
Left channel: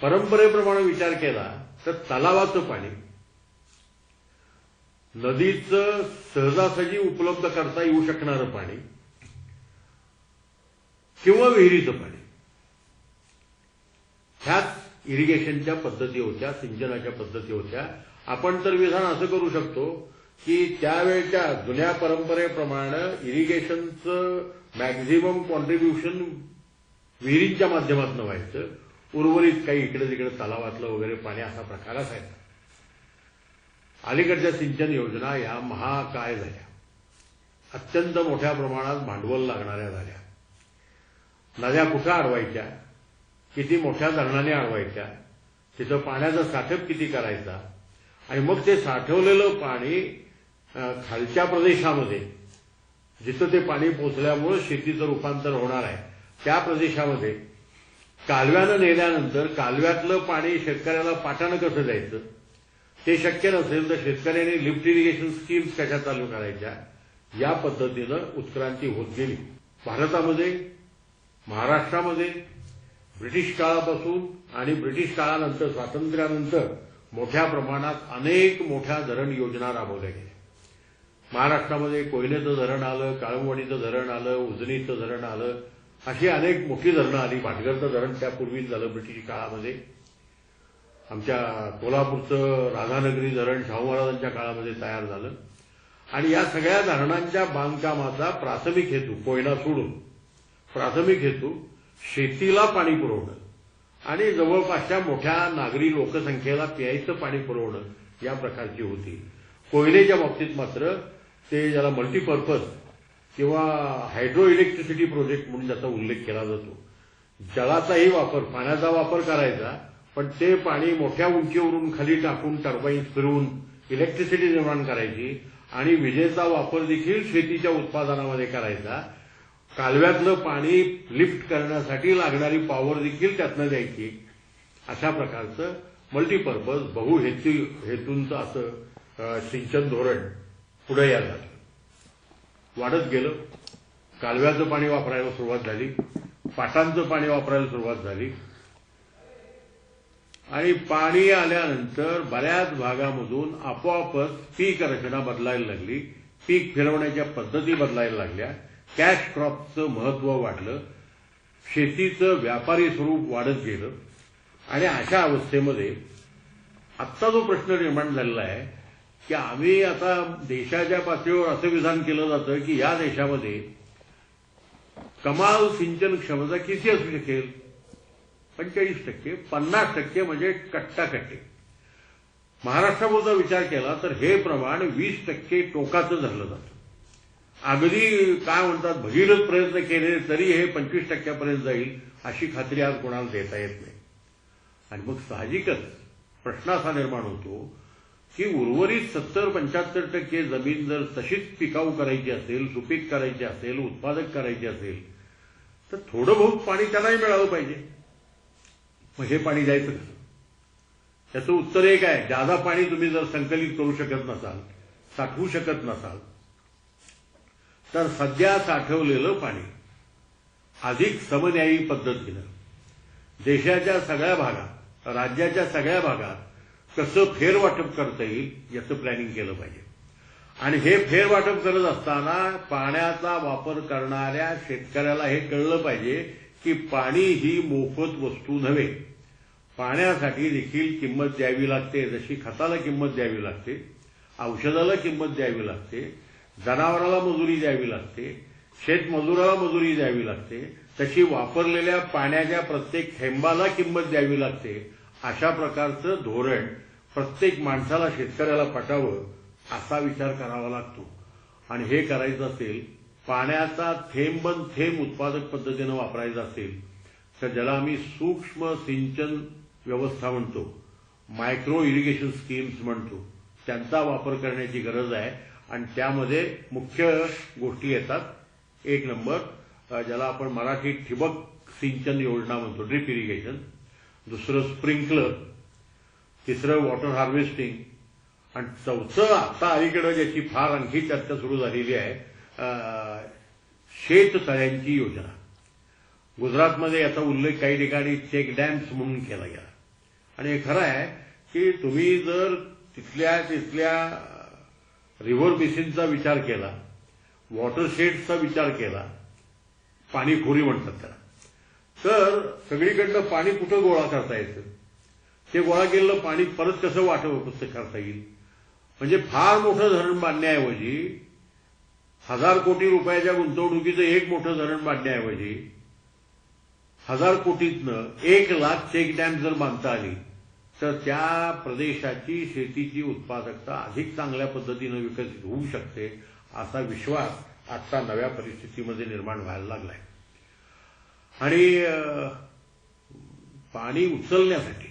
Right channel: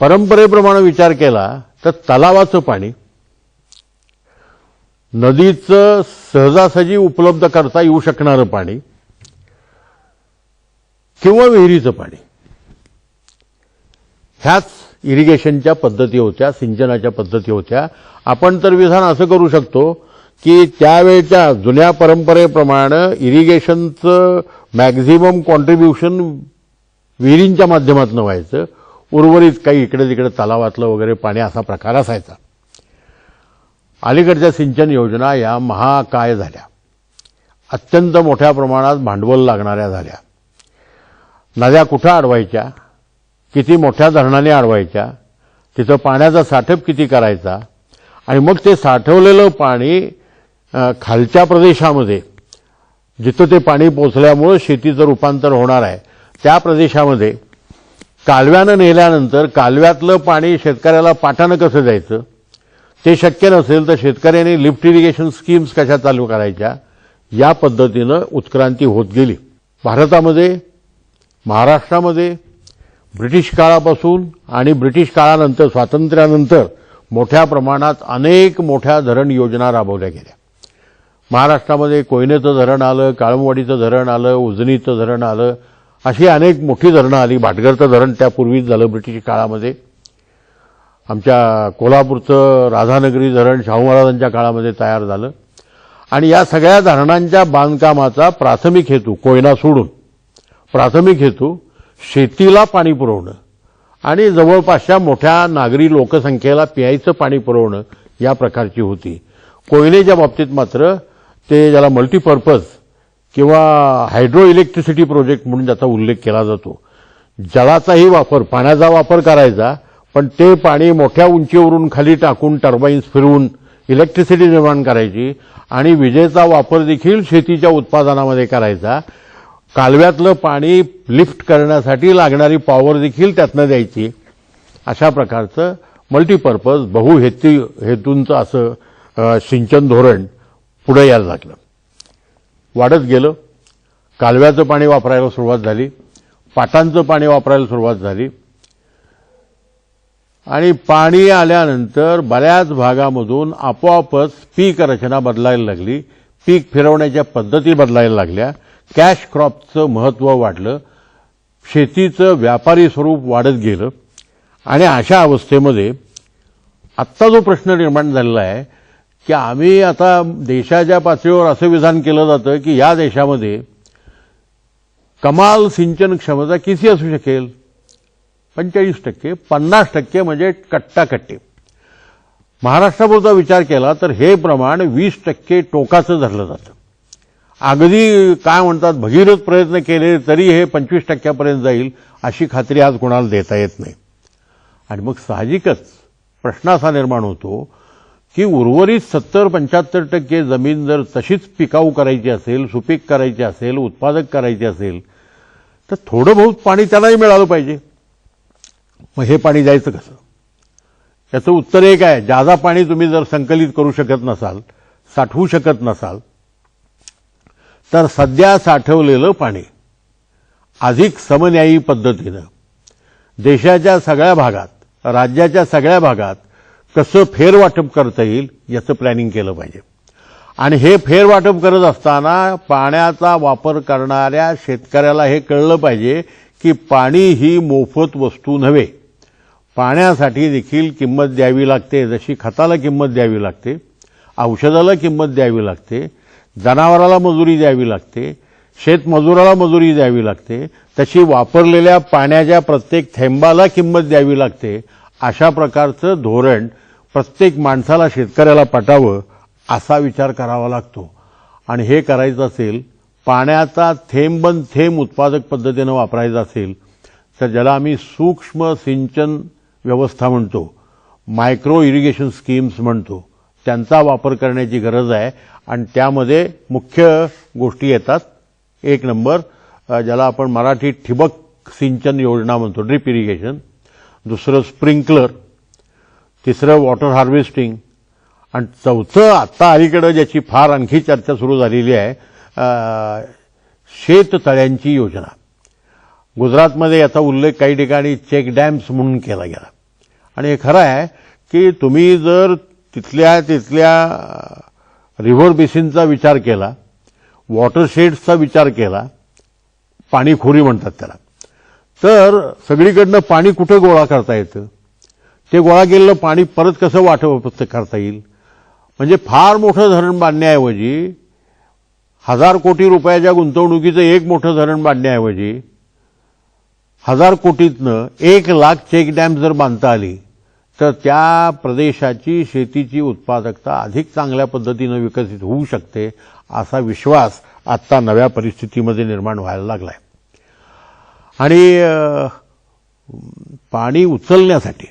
परंपरेप्रमाणे विचार केला तर तलावाचं पाणी, नदीचं सहजासहजी उपलब्ध करता येऊ शकणारं पाणी किंवा विहिरीचं पाणी, ह्याच इरिगेशनच्या पद्धती होत्या, सिंचनाच्या पद्धती होत्या. आपण तर विधान असं करू शकतो की त्यावेळच्या जुन्या परंपरेप्रमाणे इरिगेशनचं मॅक्झिमम कॉन्ट्रीब्युशन विहिरींच्या माध्यमातून व्हायचं, उर्वरित काही इकडे तिकडे तलावातलं वगैरे पाणी असा प्रकार असायचा. अलीकडच्या सिंचन योजना या महाकाय झाल्या, अत्यंत मोठ्या प्रमाणात भांडवल लागणाऱ्या झाल्या. नद्या कुठं अडवायच्या, किती मोठ्या धरणाने अडवायच्या, तिथं पाण्याचा साठप किती करायचा, आणि मग ते साठवलेलं पाणी खालच्या प्रदेशामध्ये जिथं ते पाणी पोचल्यामुळे शेतीचं रूपांतर होणार आहे त्या प्रदेशामध्ये कालव्यानं नेल्यानंतर कालव्यातलं पाणी शेतकऱ्याला पाटानं कसं द्यायचं, ते शक्य नसेल तर शेतकऱ्यांनी लिफ्ट इरिगेशन स्कीम्स कशा चालू करायच्या, या पद्धतीनं उत्क्रांती होत गेली. भारतामध्ये, महाराष्ट्रामध्ये ब्रिटिश काळापासून आणि ब्रिटिश काळानंतर, स्वातंत्र्यानंतर मोठ्या प्रमाणात अनेक मोठ्या धरण योजना राबवल्या गेल्या. महाराष्ट्रामध्ये कोयनेचं धरण आलं, काळमवाडीचं धरण आलं, उजनीचं धरण आलं, अशी अनेक मोठी धरणं आली. भाटघरचं धरण त्यापूर्वीच झालं ब्रिटिश काळामध्ये. आमच्या कोल्हापूरचं राधानगरी धरण शाहू महाराजांच्या काळामध्ये तयार झालं. आणि या सगळ्या धरणांच्या बांधकामाचा प्राथमिक हेतू, कोयना सोडून प्राथमिक हेतू शेतीला पाणी पुरवणं आणि जवळपासच्या मोठ्या नागरी लोकसंख्येला प्यायचं पाणी पुरवणं या प्रकारची होती. कोयनेच्या बाबतीत मात्र ते ज्याला मल्टीपर्पज किंवा हायड्रो इलेक्ट्रिसिटी प्रोजेक्ट म्हणून ज्याचा उल्लेख केला जातो, जलाचाही वापर, पाण्याचा वापर करायचा, पण ते पाणी मोठ्या उंचीवरून खाली टाकून टर्बाईन्स फिरवून इलेक्ट्रिसिटी निर्माण करायची आणि विजेचा वापर देखील शेतीच्या उत्पादनामध्ये करायचा. कालव्यातलं पाणी लिफ्ट करण्यासाठी लागणारी पॉवर देखील त्यातनं द्यायची. अशा प्रकारचं मल्टीपर्पज हेतूंचं असं सिंचन धोरण पुढे यायला लागलं, वाढत गेलं. कालव्याचं पाणी वापरायला सुरुवात झाली, पाटांचं पाणी वापरायला सुरुवात झाली आणि पाणी आल्यानंतर बऱ्याच भागामधून आपोआपच पीक रचना बदलायला लागली, पीक फिरवण्याच्या पद्धती बदलायला लागल्या, कॅश क्रॉपचं महत्त्व वाढलं, शेतीचं व्यापारी स्वरूप वाढत गेलं. आणि अशा अवस्थेमध्ये आत्ता जो प्रश्न निर्माण झालेला आहे की आम्ही आता देशाच्या पातळीवर असं विधान केलं जातं की या देशामध्ये कमाल सिंचन क्षमता किती असू शकेल, 45%, 50% म्हणजे कट्टाकट्टी. महाराष्ट्रापुरता विचार केला तर हे प्रमाण 20% टोकाचं धरलं जातं. अगदी काय म्हणतात भगीरथ प्रयत्न केले तरी हे 25% जाईल अशी खात्री आज कोणाला देता येत नाही. आणि मग साहजिकच प्रश्न असा निर्माण होतो की उर्वरित 70-75% जमीन जर तशीच पिकाऊ करायची असेल, सुपीक करायची असेल, उत्पादक करायची असेल तर थोडं बहुत पाणी त्यालाही मिळालं पाहिजे. मग हे पाणी द्यायचं कसं? याचं उत्तर एक आहे, जादा पाणी तुम्ही जर संकलित करू शकत नसाल, साठवू शकत नसाल, तर सध्या साठवलेलं पाणी अधिक समन्यायी पद्धतीनं देशाच्या सगळ्या भागात, राज्याच्या सगळ्या भागात कसं फेरवाटप करता येईल याचं प्लॅनिंग केलं पाहिजे. आणि हे फेरवाटप करत असताना पाण्याचा वापर करणाऱ्या शेतकऱ्याला हे कळलं पाहिजे की पाणी ही मोफत वस्तू नव्हे. पाण्यासाठी देखील किंमत द्यावी लागते. जशी खताला किंमत द्यावी लागते, औषधाला किंमत द्यावी लागते, जनावराला मजुरी द्यावी लागते, शेतमजुराला मजुरी द्यावी लागते, तशी वापरलेल्या पाण्याच्या प्रत्येक थेंबाला किंमत द्यावी लागते. अशा प्रकारचं धोरण प्रत्येक माणसाला, शेतकऱ्याला पटावं असा विचार करावा लागतो. आणि हे करायचं असेल, पाण्याचा थेंबन थेंब उत्पादक पद्धतीनं वापरायचा असेल तर ज्याला आम्ही सूक्ष्म सिंचन व्यवस्था म्हणतो, मायक्रो इरिगेशन स्कीम्स म्हणतो, त्यांचा वापर करण्याची गरज आहे. आणि त्यामध्ये मुख्य गोष्टी येतात. एक नंबर ज्याला आपण मराठीत ठिबक सिंचन योजना म्हणतो, ड्रिप इरिगेशन. दुसरं स्प्रिंकलर, तिसरं वॉटर हार्वेस्टिंग आणि चौथं आत्ता अलीकडे ज्याची फार आणखी चर्चा सुरू झालेली आहे, शेततळ्यांची योजना. गुजरातमध्ये याचा उल्लेख काही ठिकाणी चेक डॅम्स म्हणून केला गेला. आणि हे खरं आहे की तुम्ही जर तिथल्या रिव्हर बेसिनचा विचार केला, वॉटरशेड्सचा विचार केला, पाणीखोरी म्हणतात त्याला, तर सगळीकडनं पाणी कुठं गोळा करता येतं? ते गोळा केलेलं पाणी परत कसं वाटप करता येईल? म्हणजे फार मोठं धरण बांधण्याऐवजी 1000 कोटी रुपयाच्या गुंतवणुकीचं एक मोठं धरण बांधण्याऐवजी 1000 कोटीतनं 1 लाख चेक डॅम जर बांधता आली तर त्या प्रदेशाची शेतीची उत्पादकता अधिक चांगल्या पद्धतीनं विकसित होऊ शकते, असा विश्वास आत्ता नव्या परिस्थितीमध्ये निर्माण व्हायला लागलाय. आणि पाणी उचलण्यासाठी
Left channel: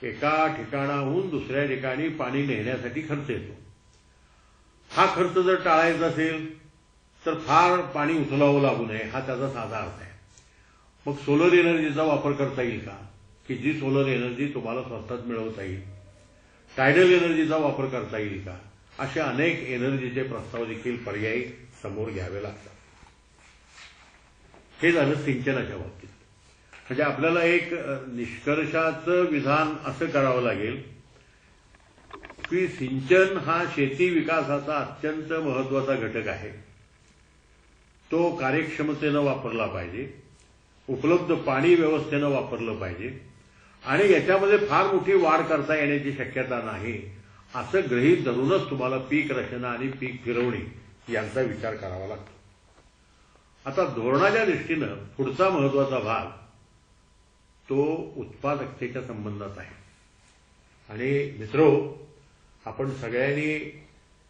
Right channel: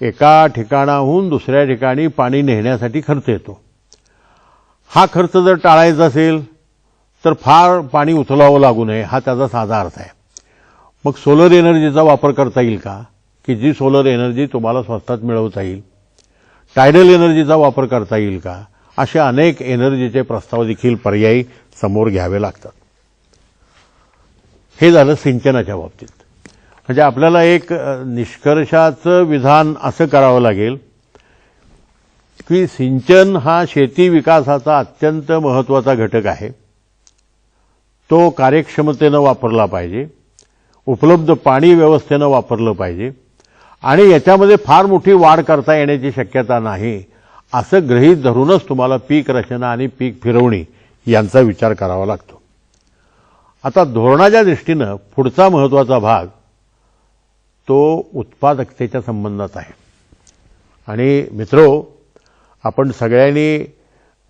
एका ठिकाणाहून दुसऱ्या ठिकाणी पाणी नेण्यासाठी खर्च येतो. हा खर्च जर टाळायचा असेल तर फार पाणी उचलावं लागू नये, हा त्याचा साधा अर्थ आहे. मग सोलर एनर्जीचा वापर करता येईल का, की जी सोलर एनर्जी तुम्हाला स्वस्तात मिळवता येईल? टायडल एनर्जीचा वापर करता येईल का? असे अनेक एनर्जीचे प्रस्ताव देखील पर्यायी समोर घ्यावे लागतात. हे झालं सिंचनाच्या बाबतीत. म्हणजे आपल्याला एक निष्कर्षाचं विधान असं करावं लागेल की सिंचन हा शेती विकासाचा अत्यंत महत्त्वाचा घटक आहे. तो कार्यक्षमतेनं वापरला पाहिजे, उपलब्ध पाणी व्यवस्थेनं वापरलं पाहिजे आणि याच्यामध्ये फार मोठी वाढ करता येण्याची शक्यता नाही, असं गृहीत धरूनच तुम्हाला पीक रचना आणि पीक फिरवणी यांचा विचार करावा लागतो. आता धोरणाच्या दृष्टीनं पुढचा महत्त्वाचा भाग तो उत्पादकतेच्या संबंधात आहे. आणि मित्रो, आपण सगळ्यांनी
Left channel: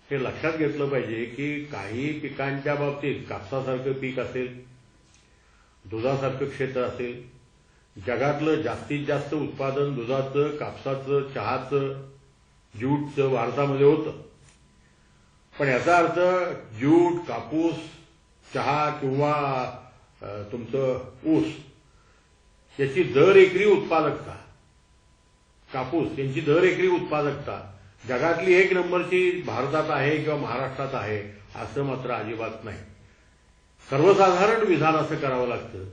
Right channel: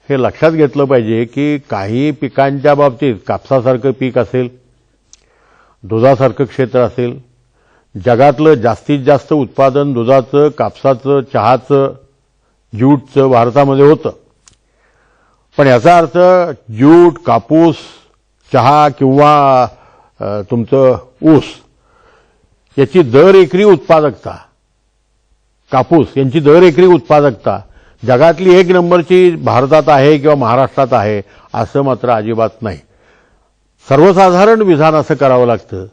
हे लक्षात घेतलं पाहिजे की काही पिकांच्या बाबतीत, कापसासारखं पीक असेल, दुधासारखं क्षेत्र असेल, जगातलं जास्तीत जास्त उत्पादन दुधाचं, कापसाचं, चहाचं, ज्यूटचं भारतामध्ये होतं. पण याचा अर्थ ज्यूट, कापूस, चहा किंवा तुमचं ऊस याची दर एकरी उत्पादकता, कापूस यांची दर एकरी उत्पादकता जगातली 1 नंबरची भारतात आहे किंवा महाराष्ट्रात आहे असं मात्र अजिबात नाही. सर्वसाधारण विधान असं करावं लागतं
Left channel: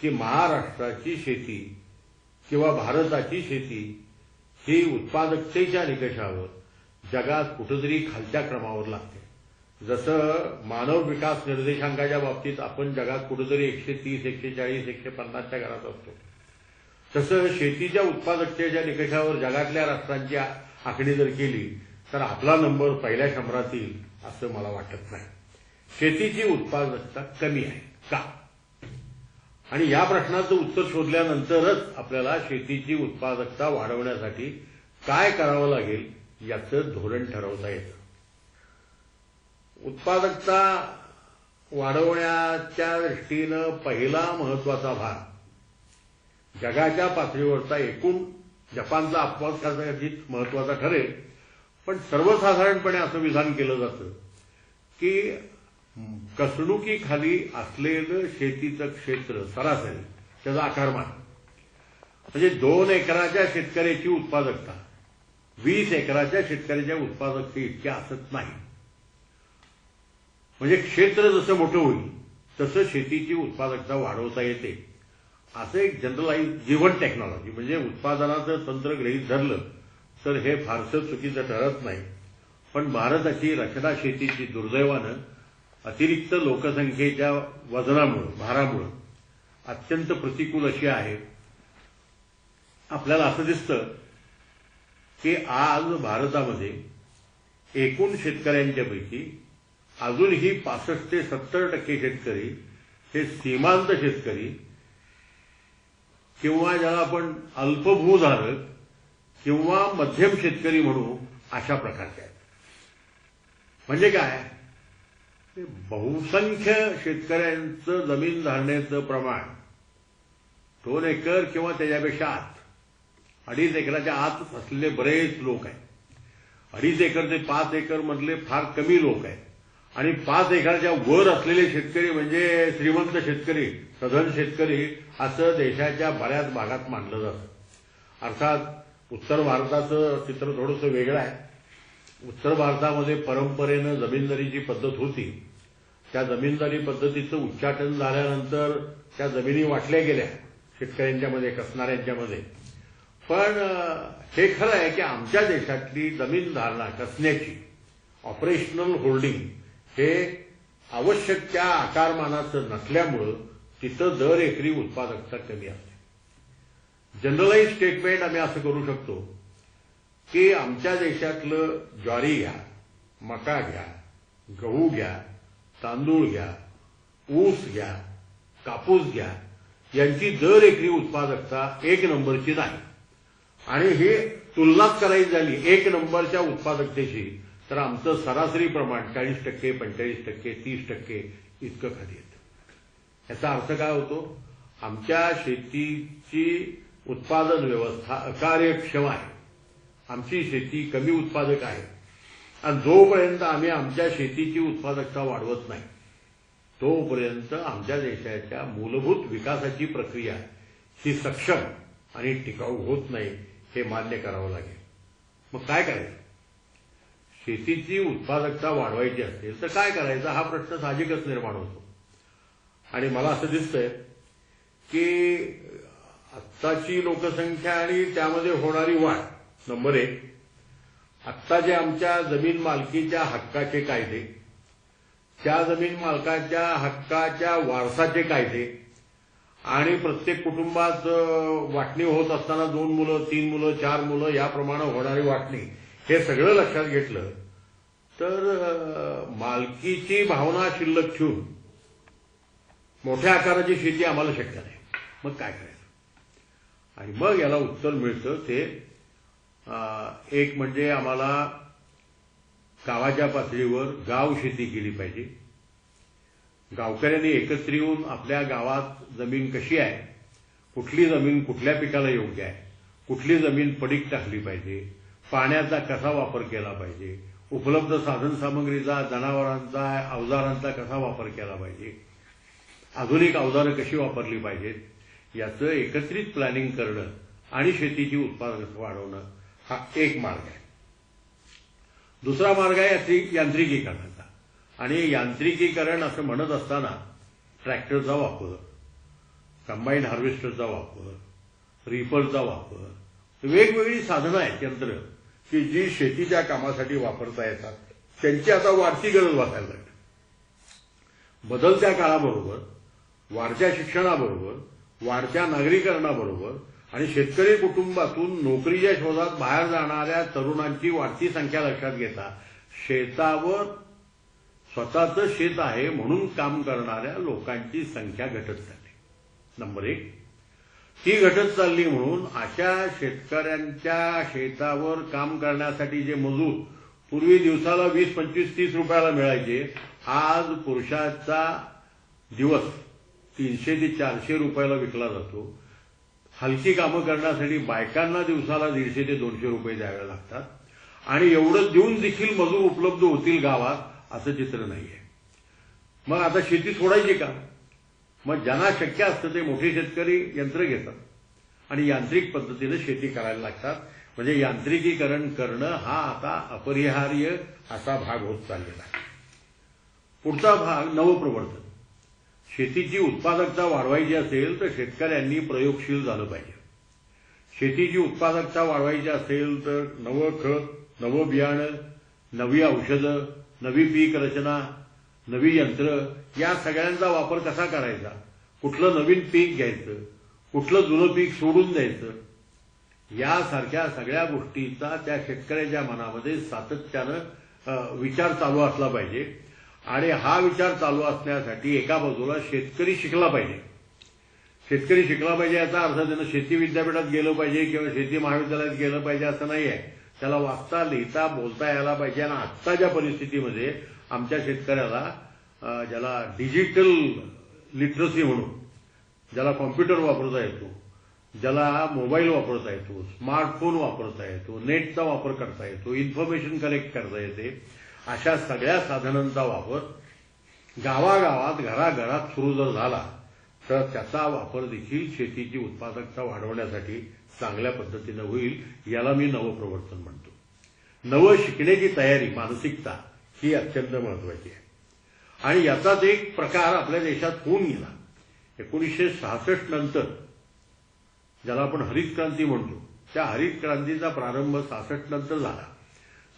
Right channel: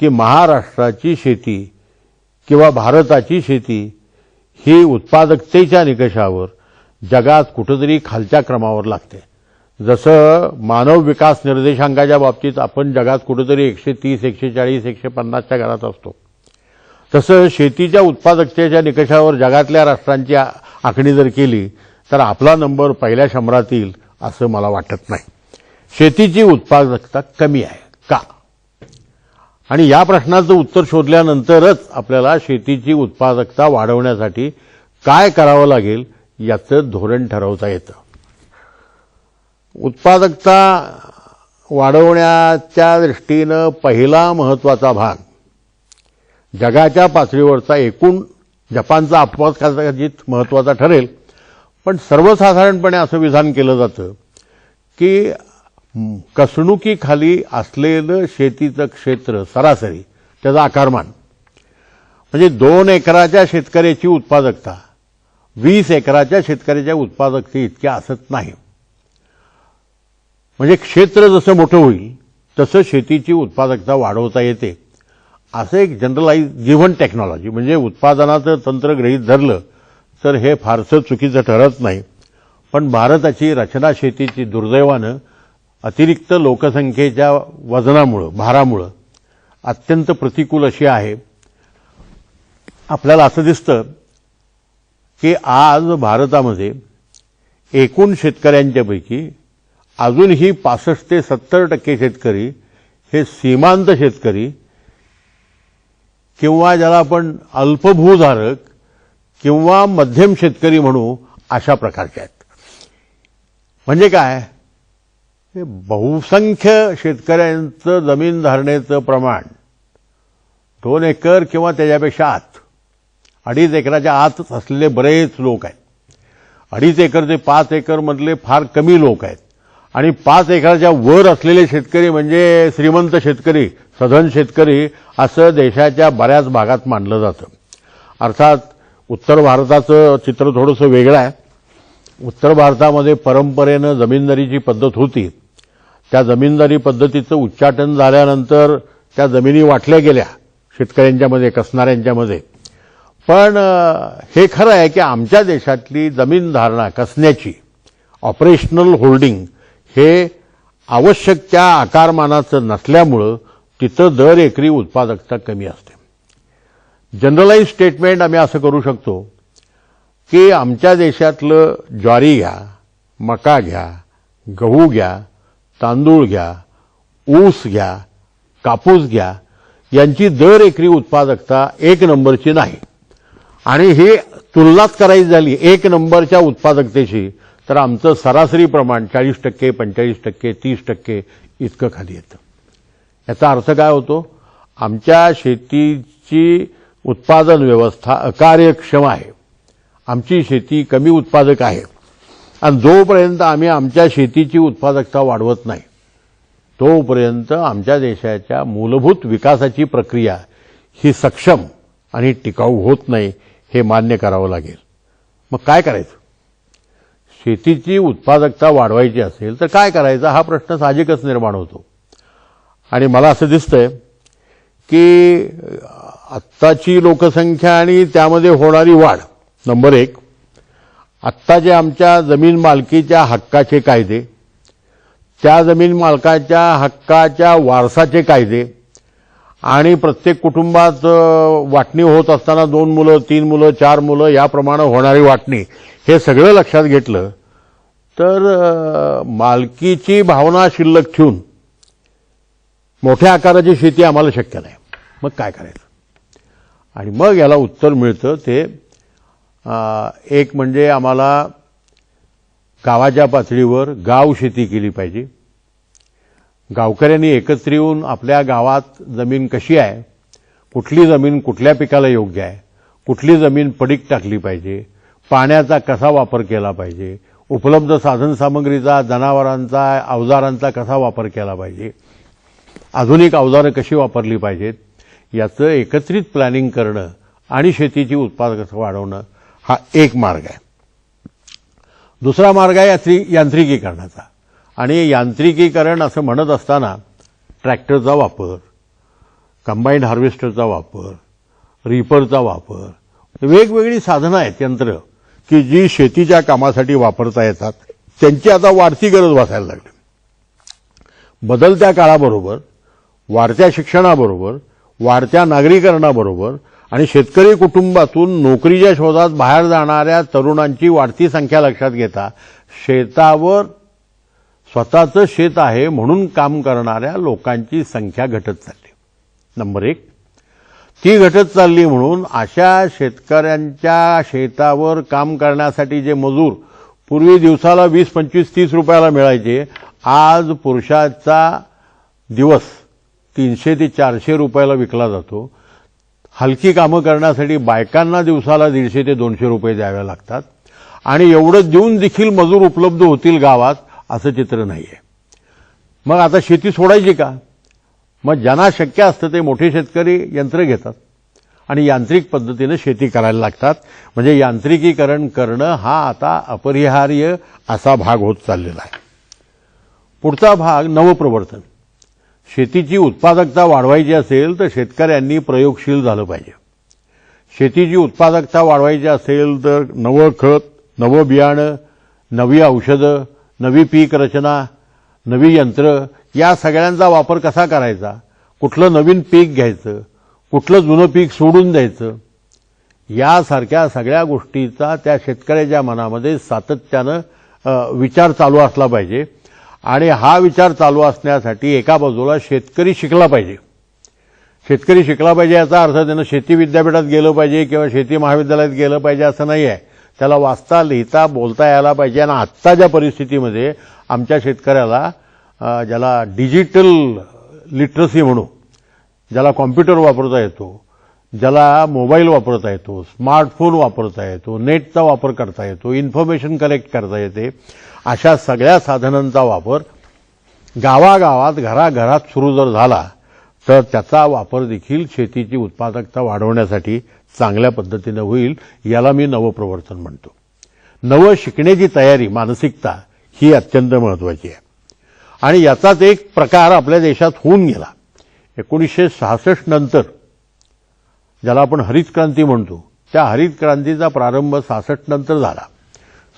की महाराष्ट्राची शेती किंवा भारताची शेती ही उत्पादकतेच्या निकषावर जगात कुठेतरी खालच्या क्रमावर लागते. जसं मानव विकास निर्देशांकाच्या बाबतीत आपण जगात कुठेतरी 130, 140, 150च्या घरात असतो, तसं शेतीच्या उत्पादकतेच्या निकषावर जगातल्या राष्ट्रांची आखणी जर केली तर आपला नंबर पहिल्या 100 येईल असं मला वाटत नाही. शेतीची उत्पादकता कमी आहे का? आणि या प्रश्नाचं उत्तर शोधल्यानंतरच आपल्याला शेतीची उत्पादकता वाढवण्यासाठी काय करावं लागेल याचं धोरण ठरवता येतं. उत्पादकता वाढवण्याच्या दृष्टीनं पहिला महत्त्वाचा भाग जगाच्या पातळीवरचा एकूण जपानचा अपवाद कदाचित महत्त्वाचा ठरेल, पण सर्वसाधारणपणे असं विधान केलं जातं की कसणुकीखाली असलेलं शेतीचं क्षेत्र सरासरी त्याचं आकारमान म्हणजे 2 एकराच्या शेतकऱ्याची उत्पादकता 20 एकराच्या शेतकऱ्याच्या उत्पादकते इतक्या असत नाही. म्हणजे क्षेत्र जसं मोठं होईल तसं शेतीची उत्पादकता वाढवता येते. असं एक जनरलाइज गिव्हन टेक्नॉलॉजी म्हणजे उत्पादनाचं तंत्र गृहीत धरलं तर हे फारसं चुकीचं ठरत नाही. पण भारताची रचना शेतीची दुर्दैवानं अतिरिक्त लोकसंख्येच्या वजनामुळं, भारामुळं अत्यंत प्रतिकूल अशी आहे. आपल्याला असं दिसतं की आज भारतामध्ये एकूण शेतकऱ्यांच्यापैकी अजूनही 65 ते 70% शेतकरी हे सीमांत शेतकरी किंवा ज्याला आपण अल्पभूधारक किंवा मध्यम शेतकरी म्हणू अशा प्रकारचे आहेत. म्हणजे काय, बहुसंख्य शेतकऱ्यांचं जमीन धारणेचं प्रमाण 2 एकर किंवा त्याच्यापेक्षा आत, 2.5 एकराच्या आत असलेले बरेच लोक आहेत. 2.5 एकर ते 5 एकर मधले फार कमी लोक आहेत. आणि 5 एकराच्या वर असलेले शेतकरी म्हणजे श्रीमंत शेतकरी, सधन शेतकरी असं देशाच्या बऱ्याच भागात मानलं जातं. अर्थात उत्तर भारताचं चित्र थोडंसं वेगळं आहे. उत्तर भारतामध्ये परंपरेनं जमीनदारीची पद्धत होती. त्या जमीनदारी पद्धतीचं उच्चाटन झाल्यानंतर त्या जमिनी वाटल्या गेल्या शेतकऱ्यांच्यामध्ये, कसणाऱ्यांच्यामध्ये. पण हे खरं आहे की आमच्या देशातली जमीन धारणा कसण्याची, ऑपरेशनल होल्डिंग हे आवश्यक त्या आकारमानाचं नसल्यामुळं तिथं दर एकरी उत्पादकता कमी असते. जनरलाइज स्टेटमेंट आम्ही असं करू शकतो की आमच्या देशातलं ज्वारी घ्या, मका घ्या, गहू घ्या, तांदूळ घ्या, ऊस घ्या, कापूस घ्या, यांची दर एकरी उत्पादकता एक नंबरची नाही. आणि ही तुलनाच करायची झाली एक नंबरच्या उत्पादकतेशी तर आमचं सरासरी प्रमाण 40%, 45%, 30% इतकं खाली येतं. याचा अर्थ काय होतो? आमच्या शेतीची उत्पादन व्यवस्था अकार्यक्षम आहे. आमची शेती कमी उत्पादक आहे. आणि जोपर्यंत आम्ही आमच्या शेतीची उत्पादकता वाढवत नाही तोपर्यंत आमच्या देशाच्या मूलभूत विकासाची प्रक्रिया ही सक्षम आणि टिकाऊ होत नाही, हे मान्य करावं लागेल. मग काय करायचं? शेतीची उत्पादकता वाढवायची असेल तर काय करायचं हा प्रश्न साहजिकच निर्माण होतो. आणि मला असं दिसतंय की आत्ताची लोकसंख्या आणि त्यामध्ये होणारी वाढ, नंबर एक, आत्ताचे आमच्या जमीन मालकीच्या हक्काचे कायदे, त्या जमीन मालकाच्या हक्काच्या वारसाचे कायदे आणि प्रत्येक कुटुंबात वाटणी होत असताना 2 मुलं, 3 मुलं, 4 मुलं याप्रमाणे होणारी वाटणी, हे सगळं लक्षात घेतलं तर मालकीची भावना शिल्लक ठेवून मोठ्या आकाराची शेती आम्हाला शक्य नाही. मग काय करायचं? आणि मग याला उत्तर मिळतं ते एक म्हणजे आम्हाला गावाच्या पातळीवर गाव शेती केली पाहिजे. गावकऱ्यांनी एकत्र येऊन आपल्या गावात जमीन कशी आहे, कुठली जमीन कुठल्या पिकाला योग्य आहे, कुठली जमीन पडीक टाकली पाहिजे, पाण्याचा कसा वापर केला पाहिजे, उपलब्ध साधनसामग्रीचा, जनावरांचा, अवजारांचा कसा वापर केला पाहिजे, आधुनिक अवजारं कशी वापरली पाहिजेत, याचं एकत्रित प्लॅनिंग करणं आणि शेतीची उत्पादकता वाढवणं हा एक मार्ग आहे. दुसरा मार्ग आहे यांत्रिकीकरणाचा. आणि यांत्रिकीकरण असं म्हणत असताना ट्रॅक्टरचा वापर, कंबाईंड हार्वेस्टरचा वापर, रीपरचा वापर, वेगवेगळी साधनं आहेत, यंत्र की जी शेतीच्या कामासाठी वापरता येतात, त्यांची आता वाढती गरज भासायला लागली. बदलत्या काळाबरोबर, वाढत्या शिक्षणाबरोबर, वाढत्या नागरीकरणाबरोबर आणि शेतकरी कुटुंबातून नोकरीच्या शोधात बाहेर जाणाऱ्या तरुणांची वाढती संख्या लक्षात घेता शेतावर स्वतःचं शेत आहे म्हणून काम करणाऱ्या लोकांची संख्या घटत चालली. नंबर एक, ती घटत चालली म्हणून अशा शेतकऱ्यांच्या शेतावर काम करण्यासाठी जे मजूर पूर्वी दिवसाला 20, 25, 30 रुपयाला मिळायचे, आज पुरुषाचा दिवस 300 ते 400 रुपयाला विकला जातो. हलकी कामं करण्यासाठी बायकांना दिवसाला 150 ते 200 रुपये द्यावे लागतात. आणि एवढं देऊन देखील मजूर उपलब्ध होतील गावात असं चित्र नाहीये. मग आता शेती सोडायची का? मग ज्यांना शक्य असतं ते मोठे शेतकरी यंत्र घेतात आणि यांत्रिक पद्धतीनं शेती करायला लागतात. म्हणजे यांत्रिकीकरण करणं हा आता अपरिहार्य असा भाग होत चाललेला आहे. पुढचा भाग नवप्रवर्तन. शेतीची उत्पादकता वाढवायची असेल तर शेतकऱ्यांनी प्रयोगशील झालं पाहिजे. शेतीची उत्पादकता वाढवायची असेल तर नवं खत, नवं बियाणं, नवी औषधं, नवी पीक रचना, नवी यंत्र या सगळ्यांचा वापर कसा करायचा, कुठलं नवीन पीक घ्यायचं, कुठलं जुनं पीक सोडून द्यायचं, यासारख्या सगळ्या गोष्टीचा त्या शेतकऱ्याच्या मनामध्ये सातत्यानं विचार चालू असला पाहिजे. आणि हा विचार चालू असण्यासाठी एका बाजूला शेतकरी शिकला पाहिजे. शेतकरी शिकला पाहिजे याचा अर्थ त्यानं शेती विद्यापीठात गेलं पाहिजे किंवा शेती महाविद्यालयात गेलं पाहिजे असं नाही आहे. त्याला वाचता, लिहिता, बोलता यायला पाहिजे. आणि आत्ताच्या परिस्थितीमध्ये आमच्या शेतकऱ्याला ज्याला डिजिटल लिटरसी म्हणू, ज्याला कॉम्प्युटर वापरता येतो, ज्याला मोबाईल वापरता येतो, स्मार्टफोन वापरता येतो, नेटचा वापर करता येतो, इन्फॉर्मेशन कलेक्ट करता येते, अशा सगळ्या साधनांचा वापर गावागावात, घराघरात सुरू जर झाला तर त्याचा वापर देखील शेतीची उत्पादकता वाढवण्यासाठी चांगल्या पद्धतीने होईल, याला मी नवप्रवर्तन म्हणतो. नवं शिकण्याची तयारी, मानसिकता ही अत्यंत महत्वाची आहे. आणि याचाच एक प्रकार आपल्या देशात होऊन गेला. 1966 नंतर ज्याला आपण हरित क्रांती म्हणतो, त्या हरित क्रांतीचा प्रारंभ 66 नंतर झाला.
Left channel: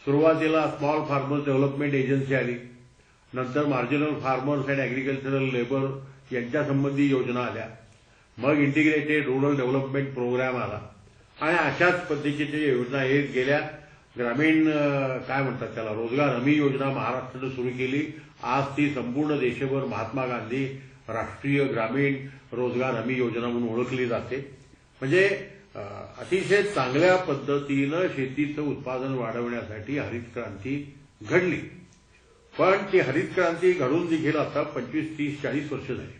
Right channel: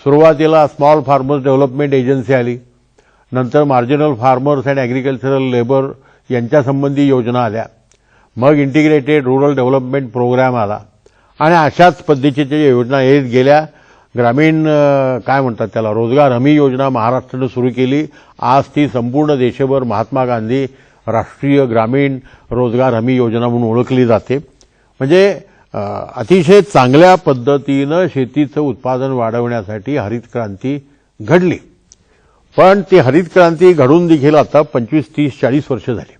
सुरुवातीला स्मॉल फार्मर्स डेव्हलपमेंट एजन्सी आली, नंतर marginal farmers and agricultural labour यांच्यासंबंधी योजना आल्या, मग इंटिग्रेटेड रूरल डेव्हलपमेंट प्रोग्राम आला आणि अशाच पद्धतीच्या योजना येत गेल्या. ग्रामीण काय म्हणतात त्याला, रोजगार हमी योजना महाराष्ट्रानं सुरू केली. आज ती संपूर्ण देशभर महात्मा गांधी राष्ट्रीय ग्रामीण रोजगार हमी योजना म्हणून ओळखली जाते. म्हणजे अतिशय चांगल्या पद्धतीनं शेतीचं उत्पादन वाढवण्यासाठी हरित क्रांती घडली. पण ती हरित क्रांती घडून देखील आता 25, 30, 40 वर्ष झाली.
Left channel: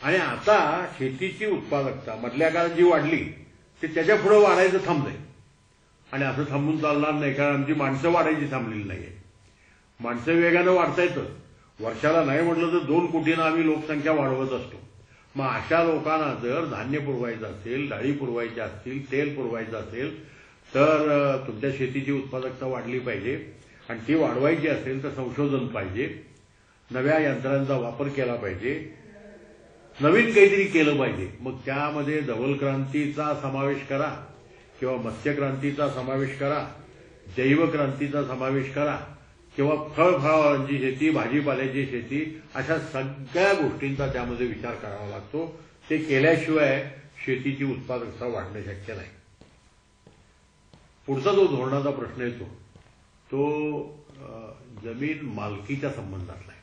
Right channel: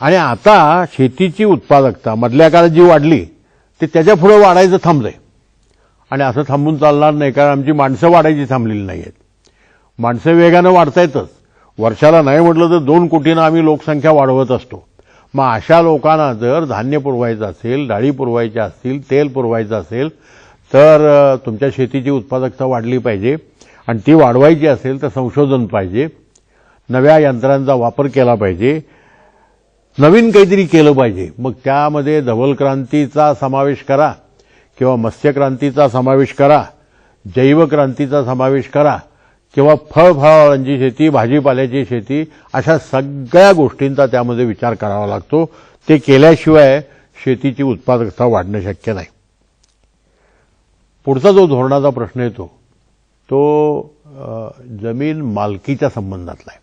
आणि आता शेतीची उत्पादकता मधल्या काळात जी वाढली ते त्याच्या पुढे वाढायचं थांबलंय. आणि असं थांबून चालणार नाही, कारण आमची माणसं वाढायची थांबलेली नाहीयेत. माणसं वेगानं वाढतायतच. वर्षाला नाही म्हटलं तर 2 कोटीनं आम्ही लोकसंख्या वाढवत असतो. मग अशा लोकांना जर धान्य पुरवायचं असेल, डाळी पुरवायच्या असतील, तेल पुरवायचं असेल, तर तुमच्या शेतीची उत्पादकता वाढली पाहिजे. आणि ती वाढवायची असेल तर संशोधन पाहिजे, नव्या यंत्रांचा वापर केला पाहिजे, नवीन काहीतरी केलं पाहिजे. मग त्यामध्ये धवल क्रांतीचा समावेश करा किंवा मत्स्य क्रांतीचा समावेश करा, जैव क्रांतीचा समावेश करा किंवा फळफळांची शेती, भाजीपाल्याची शेती, अशा सगळ्या गोष्टींचा त्यामध्ये विचार करावा लागतो. ते केल्याशिवाय शेतीची उत्पादकता वाढणं शक्य नाही. पुढचा जो धोरणाचा प्रश्न येतो तो जमीन मालकीच्या संबंधातला आहे.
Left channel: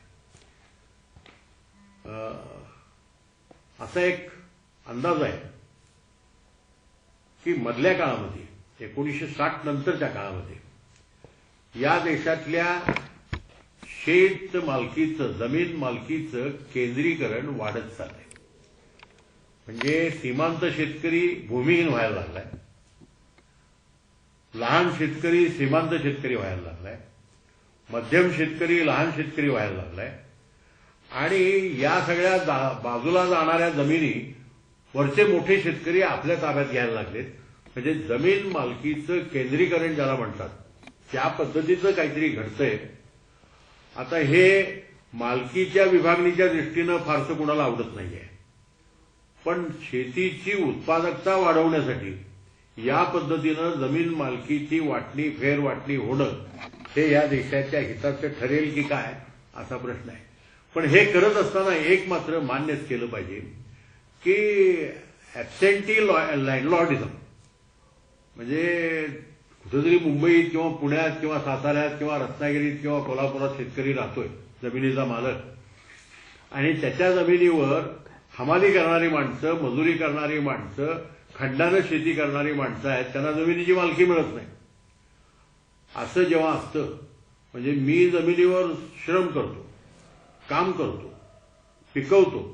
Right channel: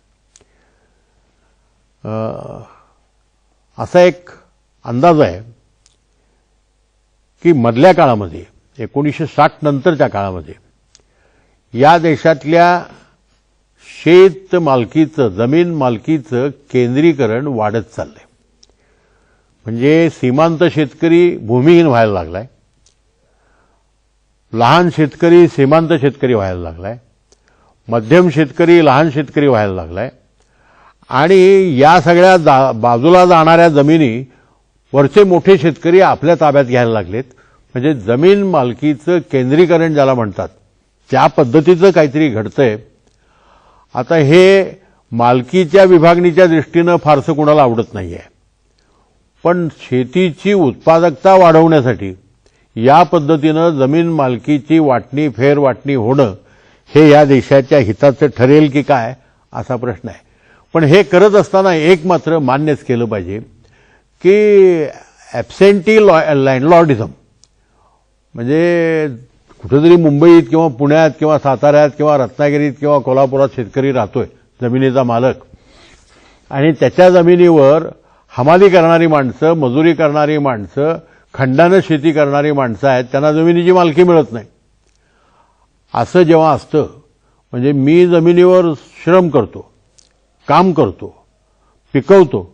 असा एक अंदाज आहे की मधल्या काळामध्ये 1960 नंतरच्या काळामध्ये या देशातल्या शेत मालकीचं, जमीन मालकीचं केंद्रीकरण वाढत चाललंय. म्हणजे सीमांत शेतकरी भूमिहीन व्हायला लागलाय, लहान शेतकरी सीमांत शेतकरी व्हायला लागलाय, मध्यम शेतकरी लहान शेतकरी व्हायला लागलाय. आणि या सगळ्या बाजूला जाणाऱ्या जमिनी वरचे मोठे शेतकरी आपल्या ताब्यात घ्यायला लागलेत. म्हणजे जमीन मालकीचं केंद्रीकरण ज्याला म्हणतात त्या पद्धतीचं काहीतरी घडतंय. आता हे मालकीच्या विभागणीच्या दृष्टीनं फारसं कोणाला आवडत नाहीये, पण शेतीची उत्पादकता वाढवण्यासाठी या पद्धतीनं जमीन मालकीची वाटणी, फेरवाटणी होणं हे या देशाच्या हिताचं ठरेल की काय असा प्रश्न आहे. पण हे करत असताना एक मात्र मान्यच केलं पाहिजे की ॲब्सेंटी लँडलॉर्डिझम, म्हणजे कुठेतरी मुंबईत किंवा पुण्यात किंवा साताऱ्यात किंवा रत्नागिरीत किंवा कोल्हापुरात शेतकरी राहतोय, जमिनीचा मालक, आणि त्याच्या जमिनीवर हमाली करणारी माणसं, मजुरी करणारी माणसं, खंडानं शेती करणारी माणसं आहेत, त्यांना जमिनीची मालकी मिळत नाही. असं जेव्हा असतं, म्हणजे मी जमिनीवर श्रम करतो, काम करतो, पिकवतो,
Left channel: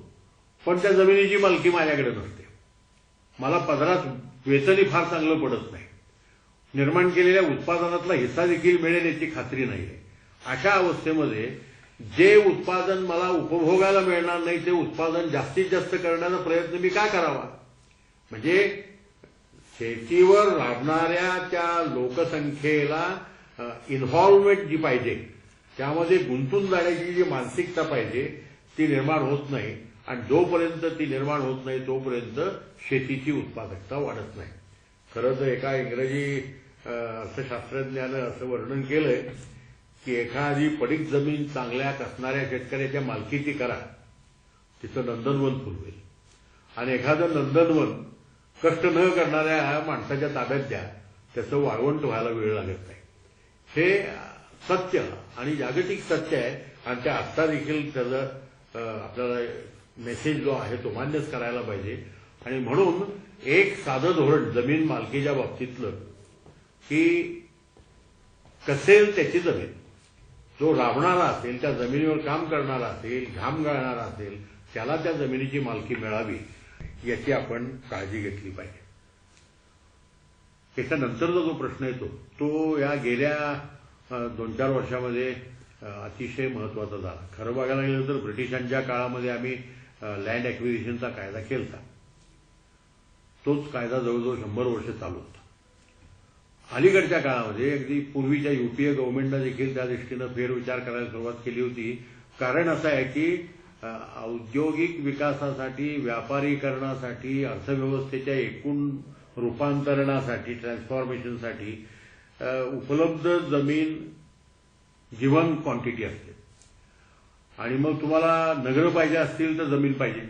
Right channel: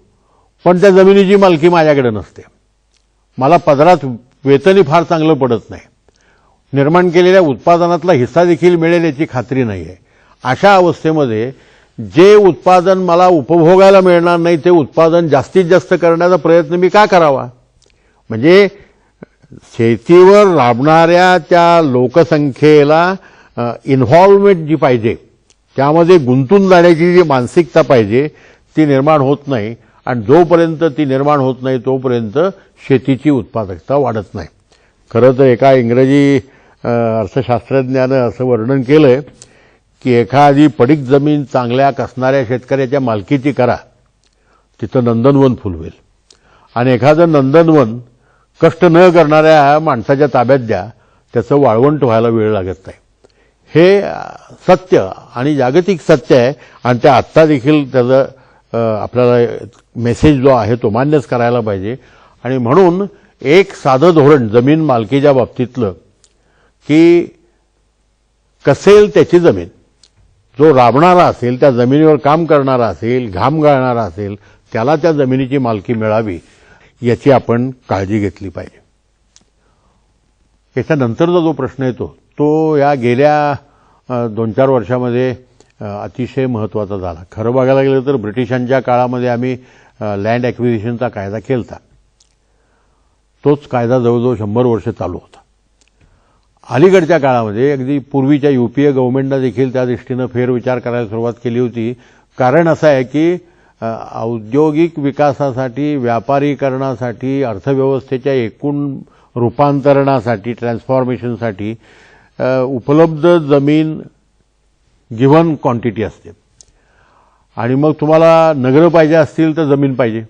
पण त्या जमिनीची मालकी माझ्याकडे नसते, मला पदरात वेतनही फार चांगलं पडत नाही, निर्माण केलेल्या उत्पादनातला हिस्सा देखील मिळेल याची खात्री नाहीये. अशा अवस्थेमध्ये जे उत्पादन मला उपभोगायला मिळणार नाही ते उत्पादन जास्तीत जास्त करण्याचा प्रयत्न मी का करावा. म्हणजे शेतीवर राबणाऱ्या त्या लोकसंख्येला इन्व्हॉल्वमेंट जी पाहिजे, त्यामध्ये गुंतून जाण्याची जी मानसिकता पाहिजे ती निर्माण होत नाही. आणि जोपर्यंत ती निर्माण होत नाही तोपर्यंत शेतीची उत्पादकता वाढत नाही. खरं तर एका इंग्रजी अर्थशास्त्रज्ञानं असं वर्णन केलंय की एखादी पडीक जमीन चांगल्या कसणाऱ्या शेतकऱ्याच्या मालकीची करा, तिथं नंदनवन फुलवेल, आणि एखादं नंदनवन कष्ट न करणाऱ्या माणसाच्या ताब्यात द्या, त्याचं वाळवंट व्हायला वेळ लागत नाही. हे सत्य आणि जागतिक सत्य आहे. आणि त्या आत्ता देखील त्याचं आपल्याला मेसेज जो आहे तो मान्यच करायला पाहिजे. आणि म्हणून एक साधं धोरण जमीन मालकीच्या बाबतीतलं की कसेल त्याची जमीन, जो राबणारा असेल, त्या जमिनीवर काम करणारा असेल, घाम गाळणारा असेल, त्याला त्या जमिनीची मालकी मिळावी याची आपण काळजी घेतली पाहिजे. याच्यानंतरचा जो प्रश्न येतो तो या गेल्या 2-4 वर्षामध्ये अतिशय महत्वाचा झाला. खरं बघायला गेलं तर ब्रिटिशांच्या काळामध्ये आम्ही लँड ॲक्विजिशनचा कायदा केलता. तोच कायदा जवळजवळ 100 वर्ष चालू होता. अलीकडच्या काळामध्ये अगदी पूर्वीच्या युपीए गव्हर्नमेंटनं देखील त्या दृष्टीनं फेरविचार करायला सुरुवात केली होती. कारण असं आहे की औद्योगिक विकासासाठी, व्यापारीकरणासाठी, अर्थव्यवस्थेच्या एकूण रूपांतरणासाठी, ट्रान्सफॉर्मेशनसाठी उपलब्ध जमीन गिव्हन क्वांटिटी असते. आणि मग तुम्हाला नगरं पाहिजे असतील तर जमीन पाहिजे,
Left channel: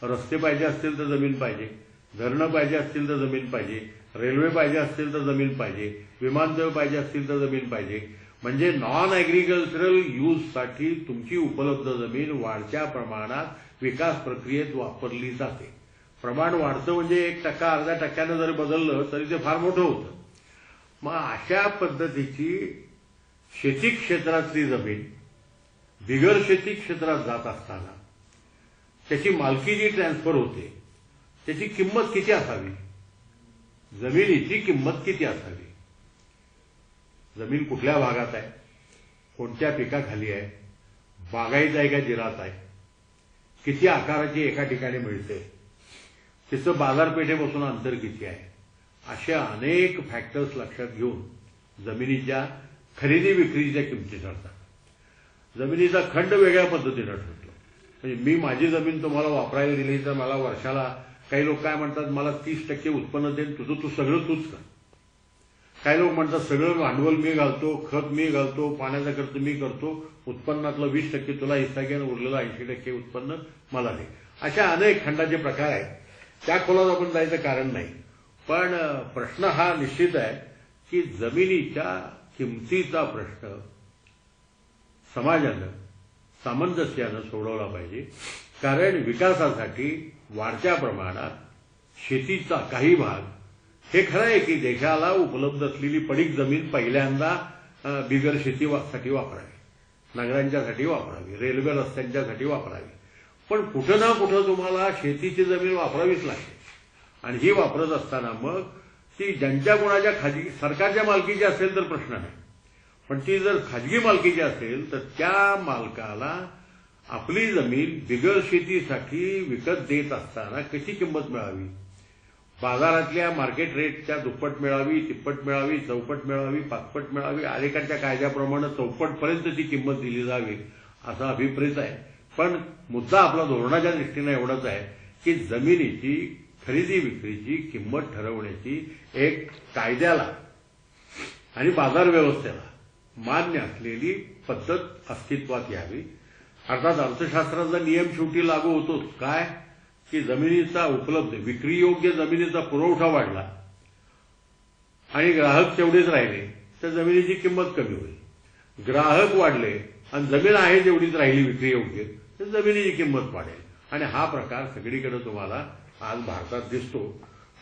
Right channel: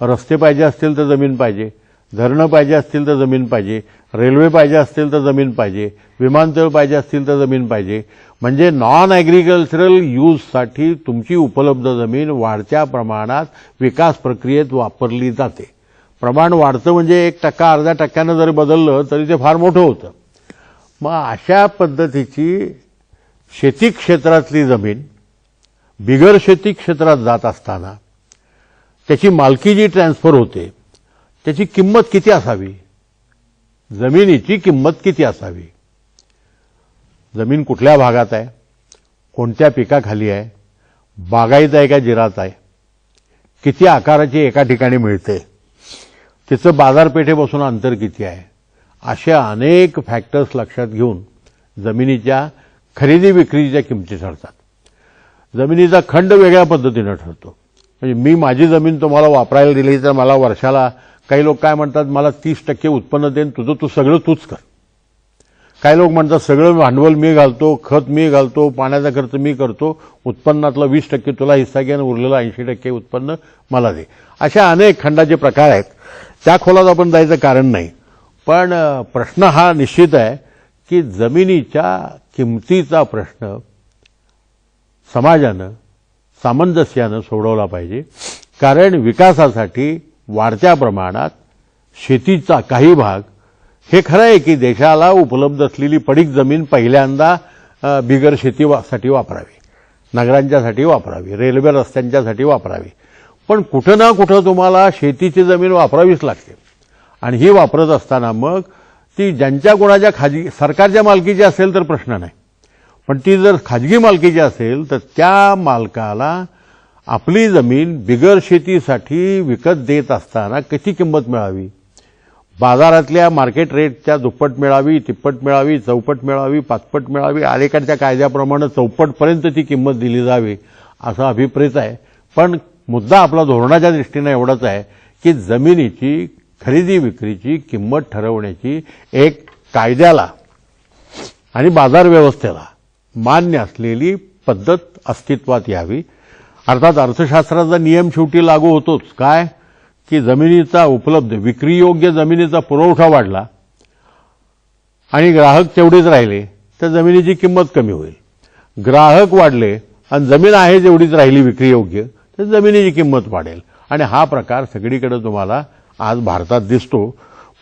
रस्ते पाहिजे असतील तर जमीन पाहिजे, धरणं पाहिजे असतील तर जमीन पाहिजे, रेल्वे पाहिजे असतील तर जमीन पाहिजे, विमानतळ पाहिजे असतील तर जमीन पाहिजे. म्हणजे नॉन ॲग्रिकल्चरल यूजसाठी तुमची उपलब्ध जमीन वाढत्या प्रमाणात विकास प्रक्रियेत वापरली जाते. प्रमाण वाढतं म्हणजे 1% अर्ध्या टक्क्यानं जरी बदललं तरी ते फार मोठं होतं. मग अशा पद्धतीची शेती क्षेत्रातली जमीन बिगर शेती क्षेत्रात जात असताना त्याची मालकी जी ट्रान्सफर होते त्याची किंमत किती असावी, जमिनीची किंमत किती असावी, जमीन कुठल्या भागात आहे, कोणत्या पिकाखाली आहे, बागायत आहे का जिरात आहे, किती आकाराची एका ठिकाणी मिळते, तिचं बाजारपेठेपासून अंतर किती आहे, अशा अनेक फॅक्टर्स लक्षात घेऊन जमिनीच्या खरेदी विक्रीच्या किमती ठरतात. जमिनीचा खंड वेगळ्या पद्धतीनं ठरतो. म्हणजे मी माझी जमीन तुम्हाला वापरायला दिली तर मला वर्षाला, काही लोक काय म्हणतात, मला 30% उत्पन्न देईन, तुझं तू सगळं तूच कर. काही लोक म्हणतात सगळं भांडवल मी घालतो, खत मी घालतो, पाण्याचा खर्च मी करतो, उत्पन्नातला 20% तुला हिस्सा घे आणि उरलेला 80% उत्पन्न मला दे. अशा अनेक खंडाचे प्रकार आहेत. त्या खोलात आपण जायचं कारण नाही. पण प्रश्न हा निश्चित आहे की जमिनीच्या किमतीचा प्रश्न समाजानं सामंजस्यानं सोडवला पाहिजे. कारण विकासासाठी वाढत्या प्रमाणात शेतीचा काही भाग, हे खरं आहे की देशाला उपलब्ध असलेली पडीक जमीन पहिल्यांदा बिगर शेतीसाठी वापरावी, नगरांच्यासाठी वापरावी, रेल्वे रस्त्यांच्यासाठी वापरावी. पण कुठं ना कुठं तुम्हाला शेतीची जमीन वापरावीच लागते. आणि ही वापरत असताना मग ती ज्यांच्या कोणाच्या सरकारच्या मालकीची असेल तर प्रश्न नाही, पण ती जर खाजगी मालकीची असेल तर त्या मालकाला आपली जमीन बिगर शेतीसाठी विकत देत असताना किती किंमत मिळावी, बाजारातल्या मार्केट रेटच्या दुप्पट मिळावी, तिप्पट मिळावी, चौपट मिळावी, पाचपट मिळावी, अलीकडच्या कायद्याप्रमाणे चौपटपर्यंत ती किंमत दिली जावी असा अभिप्रेत आहे. पण मुद्दा आपला धोरणाच्या दृष्टीने एवढाच आहे की जमिनीची खरेदी विक्रीची किंमत ठरवण्याची एक कायद्याला आणि बाजार व्यवस्थेला मान्य असलेली पद्धत अस्तित्वात यावी. अर्थात अर्थशास्त्राचा नियम शेवटी लागू होतोच. काय की जमिनीचा उपलब्ध विक्रीयोग्य जमिनीचा पुरवठा वाढला आणि ग्राहक तेवढेच राहिले तर जमिनीची किंमत कमी होईल. ग्राहक वाढले आणि जमीन आहे तेवढीच राहिली विक्रीयोग्य तर जमिनीची किंमत वाढेल. आणि हा प्रकार सगळीकडे तुम्हाला आज भारतात दिसतो.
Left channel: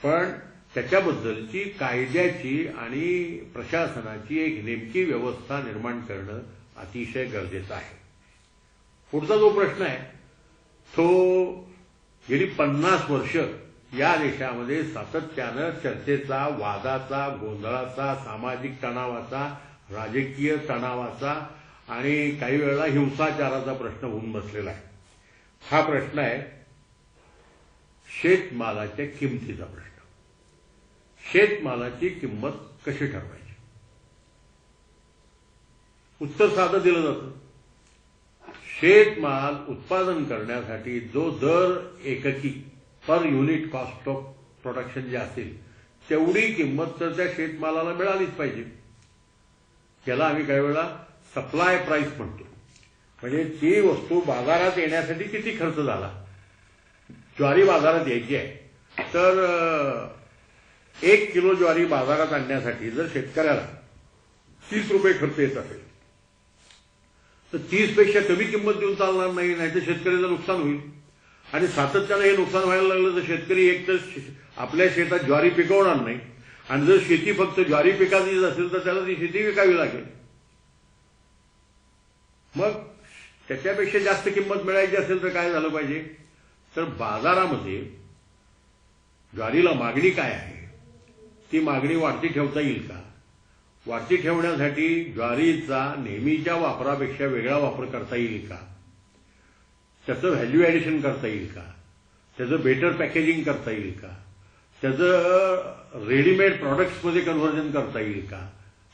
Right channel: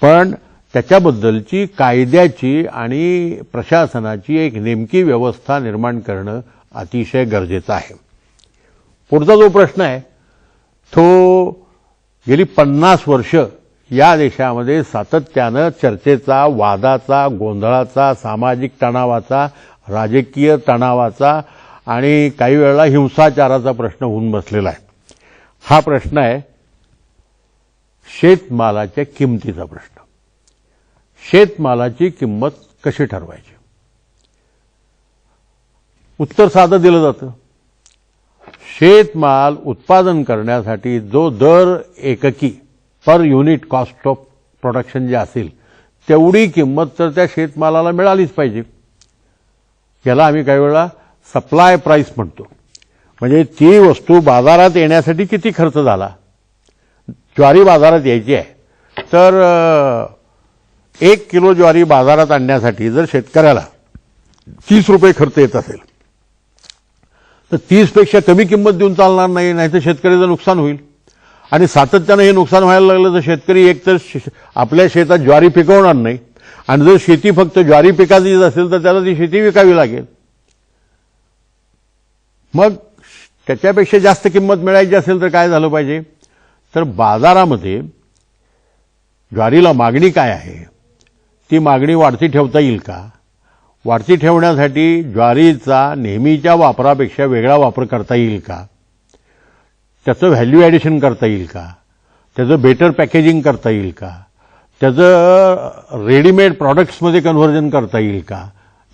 पण त्याच्याबद्दलची कायद्याची आणि प्रशासनाची एक नेमकी व्यवस्था निर्माण करणं अतिशय गरजेचं आहे. पुढचा जो प्रश्न आहे तो गेली 50 वर्ष या देशामध्ये सातत्यानं चर्चेचा, वादाचा, गोंधळाचा, सामाजिक तणावाचा, राजकीय तणावाचा आणि काही वेळेला हिंसाचाराचा प्रश्न होऊन बसलेला आहे. हा प्रश्न आहे शेतमालाच्या किमतीचा प्रश्न. शेतमालाची किंमत कशी ठरवायची? उत्तर साधं दिलं जातं. शेतमाल उत्पादन करण्यासाठी जो दर एककी per unit cost of production जे असेल तेवढी किंमत तर त्या शेतमालाला मिळालीच पाहिजे. याला आम्ही काही वेळा सप्लाय प्राइस म्हणतो. म्हणजे ती वस्तू बाजारात येण्यासाठी किती खर्च झाला. ज्वारी बाजारात यायची आहे तर 1 किलो ज्वारी बाजारात आणण्यासाठी जर शेतकऱ्याला 30 रुपये खर्च येत असेल तर 30 पेक्षा कमी किंमत देऊन चालणार नाही, नाहीतर शेतकऱ्याचं नुकसान होईल. आणि सातत्यानं हे नुकसान व्हायला लागलं तर शेतकरी एकतर आपल्या शेतात ज्वारी पिकवणार नाही आणि जर शेती फक्त ज्वारी पिकाचीच असेल तर त्याला ती शेती विकावी लागेल. मग त्याच्यापेक्षा जास्त किंमत मिळायची असेल तर काय झालं पाहिजे, तर बाजारामध्ये ज्वारीला मागणी काय आहे, ती मागणी वाढती ठेवता येईल का, वाढती ठेवण्यासाठी ज्वारीचा नेहमीच्या वापरापेक्षा वेगळा वापर करता येईल का, त्याचं व्हॅल्यू ॲडिशन करता येईल का, त्याचं बेटर पॅकेजिंग करता येईल का, त्याचं रेडीमेड प्रॉडक्ट्समध्ये कन्व्हर्जन करता येईल का?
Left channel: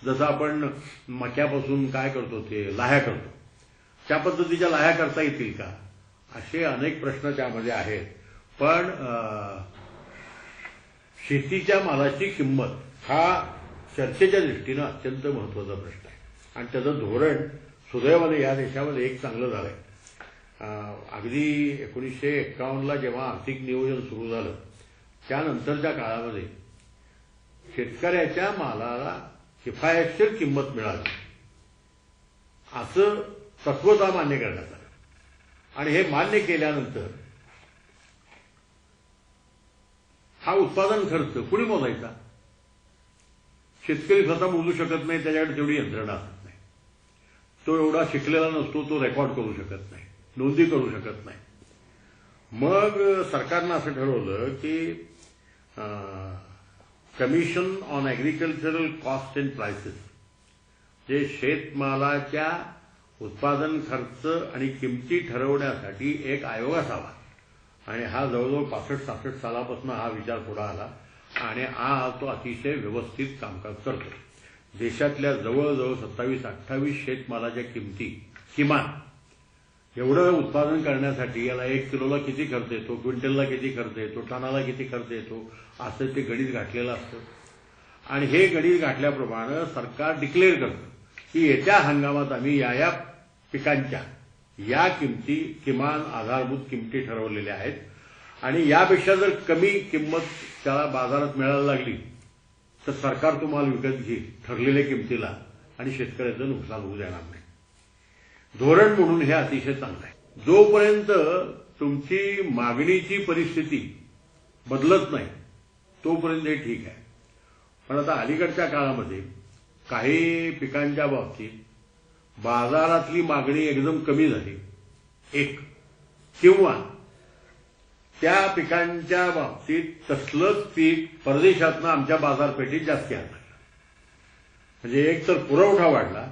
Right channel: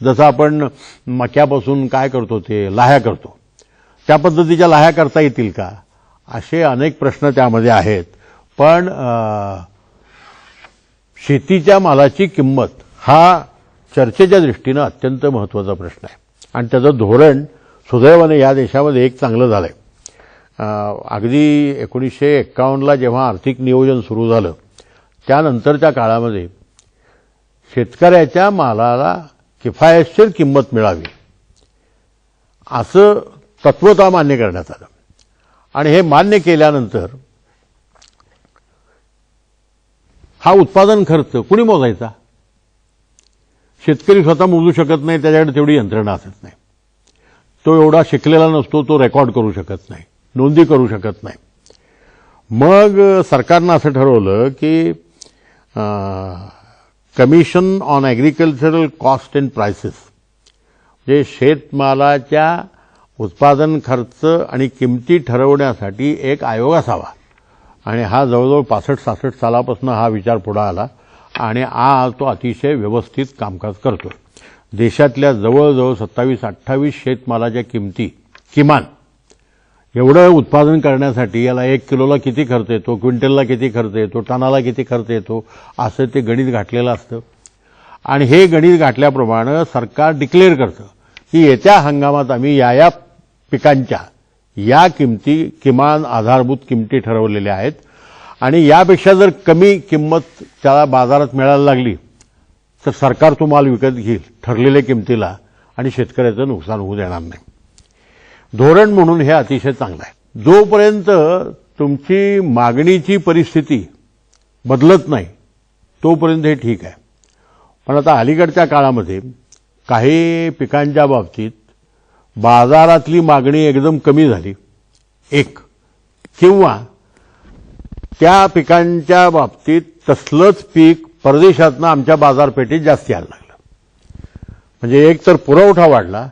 जसं आपण मक्यापासून काय करतो ते लाह्या करतो, त्या पद्धतीच्या लाह्या करता येतील का? असे अनेक प्रश्न त्यामध्ये आहेत. पण शेतीच्या मालाची किंमत हा चर्चेच्या दृष्टीनं अत्यंत महत्त्वाचा प्रश्न आहे आणि त्याचं धोरण सुदैवाने या देशामध्ये एक चांगलं झालंय. अगदी 1951ला जेव्हा आर्थिक नियोजन सुरू झालं त्यानंतरच्या काळामध्ये शेतकऱ्याच्या मालाला किफायतशीर किंमत मिळावी असं तत्वतः मान्य करण्यात आलं आणि हे मान्य केल्यानंतर हा उत्पादन खर्च कुणी मोजायचा? शेतकरी स्वतः मोजू शकत नाही, त्याच्याकडे तेवढी यंत्रणा असत नाही, तो एवढा शिकलेला नसतो, तो रेकॉर्ड करू शकत नाही, नोंदी करू शकत नाही. मग सरकारनं असं ठरवलं की commission on agricultural cost and prices, जे शेतमालाच्या उत्पादन खर्च आणि किमती ठरवण्यासाठी एक आयोग असावा आणि हा जवळजवळ 65-66 सालापासून हा विचार पुढे आला आणि आज तो अतिशय व्यवस्थित कामकाज करतो. देशातल्या जवळजवळ 27-28 शेतमालाच्या किमती किमान एवढं उत्पादन करण्यासाठी याला 1 किलोला किती खर्च येतो, क्विंटलला किती खर्च येतो, टनाला किती खर्च येतो, असं ते गणित घातलेलं असतं आणि हे गणित घातल्याप्रमाणे सरकार डिक्लेअर करतं की येत्या हंगामात आम्ही या पिकांच्या या किमती किमान आधारभूत किमती ठरवलेल्या आहेत आणि यापेक्षा जर कमी किंमत त्याला बाजारात मिळायला लागली तर सरकार तो माल विकत घेईल ठरलेल्या किमतीला आणि शेतकऱ्याचं नुकसान होऊ देणार नाही. धोरण म्हणून हे अतिशय चांगलं आहे. जोपर्यंत तुमची मागणीची परिस्थिती बदलत नाही तोपर्यंत हे ठीक आहे. पण आता अलीकडच्या काळामध्ये काही पिकांच्या बाबतीत बाजारातली मागणी एकदम कमी झाली एक, किंवा त्या पिकांच्या बाबतीत तसलंच पीक परदेशातनं आमच्या बाजारपेठेत जास्त यायला लागलं. म्हणजे एक तर पुरवठा वाढला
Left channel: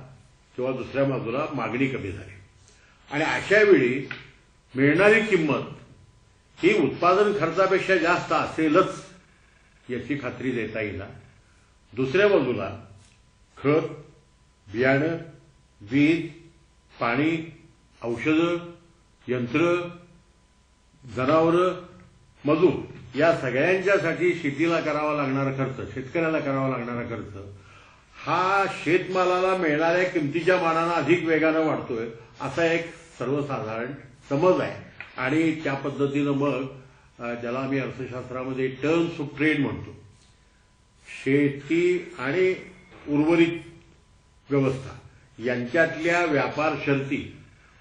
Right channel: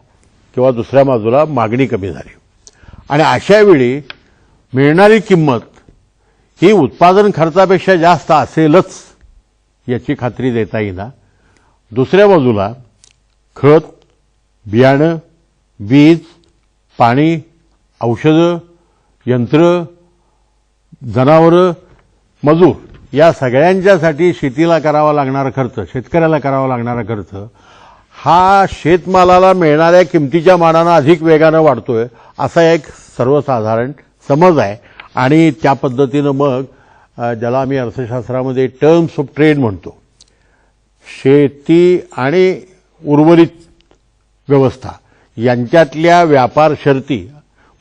किंवा दुसऱ्या बाजूला मागणी कमी झाली आणि अशा वेळी मिळणारी किंमत ही उत्पादन खर्चापेक्षा जास्त असेलच याची खात्री देता येईना. दुसऱ्या बाजूला खत, बियाणं, बीज, पाणी, औषधं, यंत्र, जनावरं, मजूर या सगळ्यांच्यासाठी शेतीला करावा लागणारा खर्च, शेतकऱ्याला करावा लागणारा खर्च हा शेतमालाला मिळणाऱ्या किमतीच्या मानानं अधिक वेगानं वाढतोय असा एक सर्वसाधारण समज आहे आणि त्या पद्धतीनं मग ज्याला आम्ही अर्थशास्त्रामध्ये टर्म्स ऑफ ट्रेड म्हणतो, शेती आणि उर्वरित व्यवस्था यांच्यातल्या व्यापार शर्ती,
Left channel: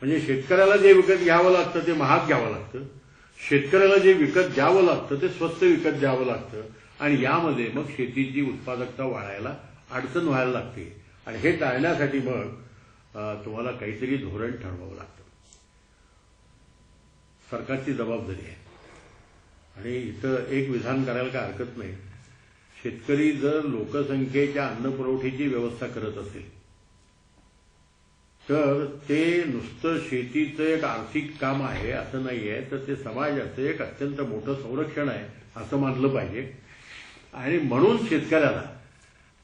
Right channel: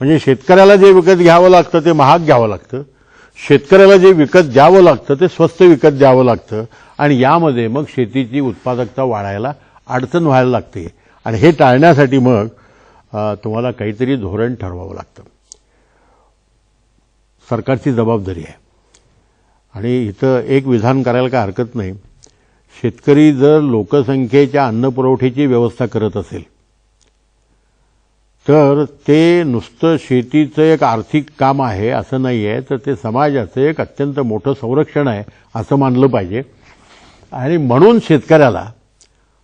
म्हणजे शेतकऱ्याला जे विकत घ्यावं लागतं ते महाग घ्यावं लागतं, शेतकऱ्याला जे विकत द्यावं लागतं ते स्वस्त विकत द्यावं लागतं आणि यामध्ये मग शेतीची उत्पादकता वाढायला अडचण व्हायला लागते आणि हे टाळण्यासाठी मग तुम्हाला काहीतरी धोरण ठरवावं लागतं. सरकारची जबाबदारी आहे आणि इथं एक विधान करायला काय हरकत नाही. शेतकरी जर लोकसंख्येच्या अन्नपुरवठ्याची व्यवस्था करत असेल तर ते नुसतं शेतीचं एक आर्थिक काम आहे असं नाही आहे, तर ते समाजाचं एक अत्यंत मोठं संरक्षण आहे असं मानलं पाहिजे आणि म्हणून शेतकऱ्याला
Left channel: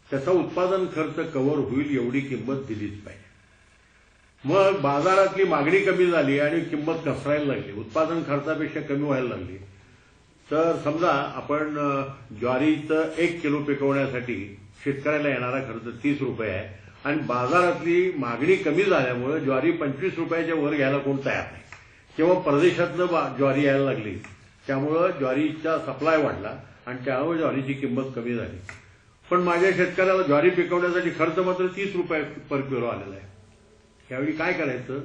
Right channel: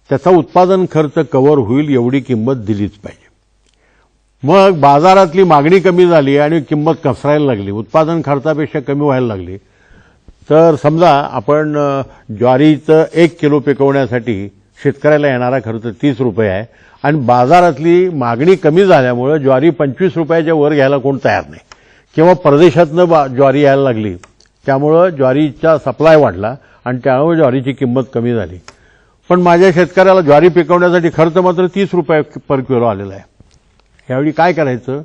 त्याचा उत्पादन खर्च कव्हर होईल एवढी किंमत दिलीच पाहिजे. मग बाजारातली मागणी कमी झाली आणि किंमत घसरायला लागली, उत्पादन खर्चापेक्षा कमी व्हायला लागली, तर समजा आपण ज्वारीचं 1 किलो पिकवण्यासाठी शेतकऱ्याला येणारा खर्च 30 रुपये आहे आणि बाजारातली मागणी कमी झाल्यामुळे ज्वारी 25 रुपयाच्या वर घ्यायला कोण तयार नाही किंवा परदेशातनं ज्वारी यायला लागली, त्यामुळं ज्वारीचा सप्लाय वाढला आणि त्यामुळे ज्वारीची किंमत कमी झाली. पण माझ्या शेतकऱ्याला ज्वारी पिकवण्यासाठी खर्च मात्र 30 रुपये पर किलो आलेला आहे. यावेळी काय करायचं,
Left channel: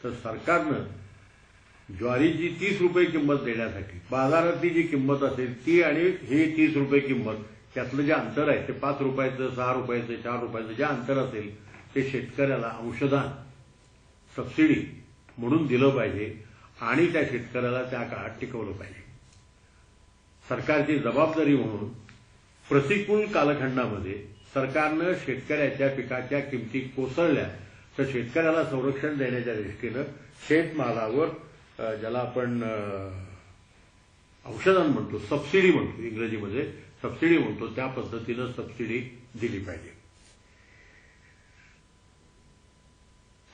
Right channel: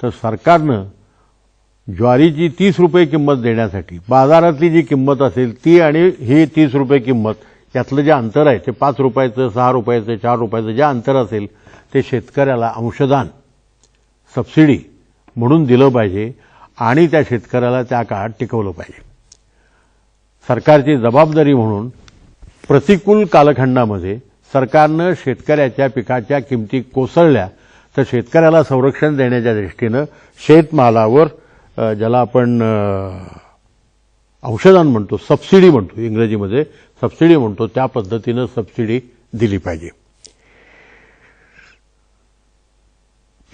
तर सरकारनं ज्वारीची 30 रुपये किंमत देण्यासाठी बाजारातली जी किंमत असेल ती आणि ही 30 रुपये किंमत यातलं जे अंतर आहे ते 5 रुपयाचं, 6 रुपयाचं, 4 रुपयाचं जे अंतर असेल ते शेतकऱ्याला अंशदान, सबसिडी म्हणून दिलं पाहिजे आणि त्या शेतकऱ्याला त्या काळात टिकवलं पाहिजे. सरकारची जबाबदारी म्हणून प्रतिकूल कालखंडामध्ये सरकारनं शेतकऱ्याच्या पिकाच्या किमती कोसळल्या तर शेतकऱ्याला संरक्षण देण्याच्या दृष्टीनं शेतमालावर ज्याला आपण औषधांना म्हणतो, सबसिडी म्हणतो, इंग्रजीमध्ये सबसिडी म्हणतो, त्या पद्धतीनं सबसिडी दिली पाहिजे.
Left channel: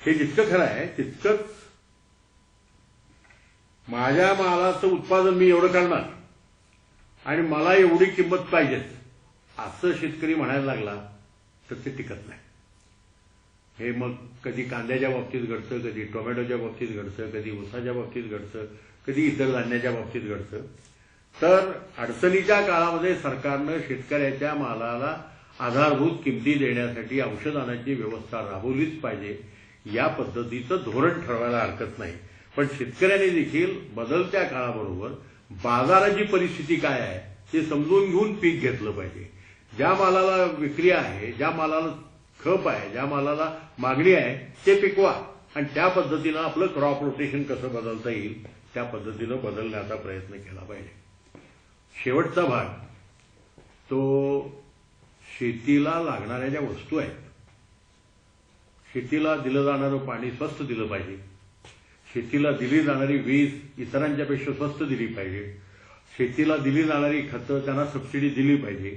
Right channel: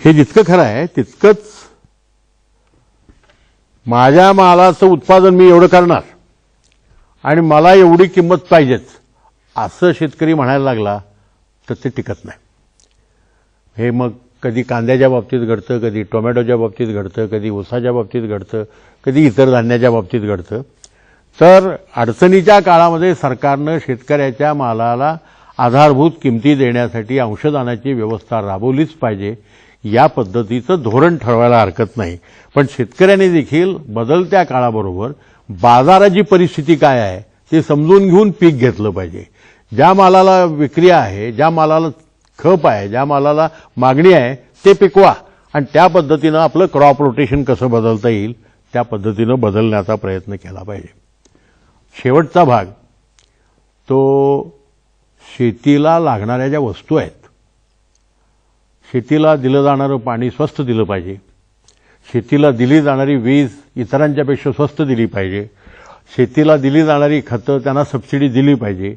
हे जितकं खरं आहे तितकंच माझ्या मालाचं उत्पादन मी एवढं करणार आणि मला एवढी किंमत पाहिजेच असं शेतकरी म्हणायला लागला तर ते टिकत नाही. हे मग कधी कांद्याच्या बाबतीत घडतं, कधी टोमॅटोच्या बाबतीत घडतं, कधी ऊसाच्या बाबतीत घडतं, कधी इतर धान्याच्या बाबतीत घडतं. तर अडचणीच्या काळामध्ये सरकारनं शेतकऱ्याच्या मालाला आधारभूत किमती देण्यासाठी अंशदानाची व्यवस्था राबवलीच पाहिजे. या पद्धतीचं धोरण ठरवायला हरकत नाही. पण शेतकऱ्यांनी देखील बदलत्या काळाबरोबर बाजाराची परिस्थिती काय आहे ते समजून घेऊन पीक घेतलं पाहिजे. ज्या मालाला विक्री आहे, ज्या मालाला खप आहे, ज्या मालाला मागणी आहे ते पिकवा आणि त्या पद्धतीनं आपलं क्रॉप रोटेशन कसं बदलता येईल त्या पद्धतीनं बदलण्याचा प्रयत्न केला पाहिजे. शेवटचा भाग तो शेतीला लागणाऱ्या ज्या वस्तू आहेत, शेतीला दिलं जाणारं पाणी स्वस्त दिलं पाहिजे, शेतीला दिली जाणारी वीज इतरांच्यापेक्षा स्वस्त दिली पाहिजे, शेतीला दिली जाणारी खतं त्यांना सबसिडी दिली पाहिजे,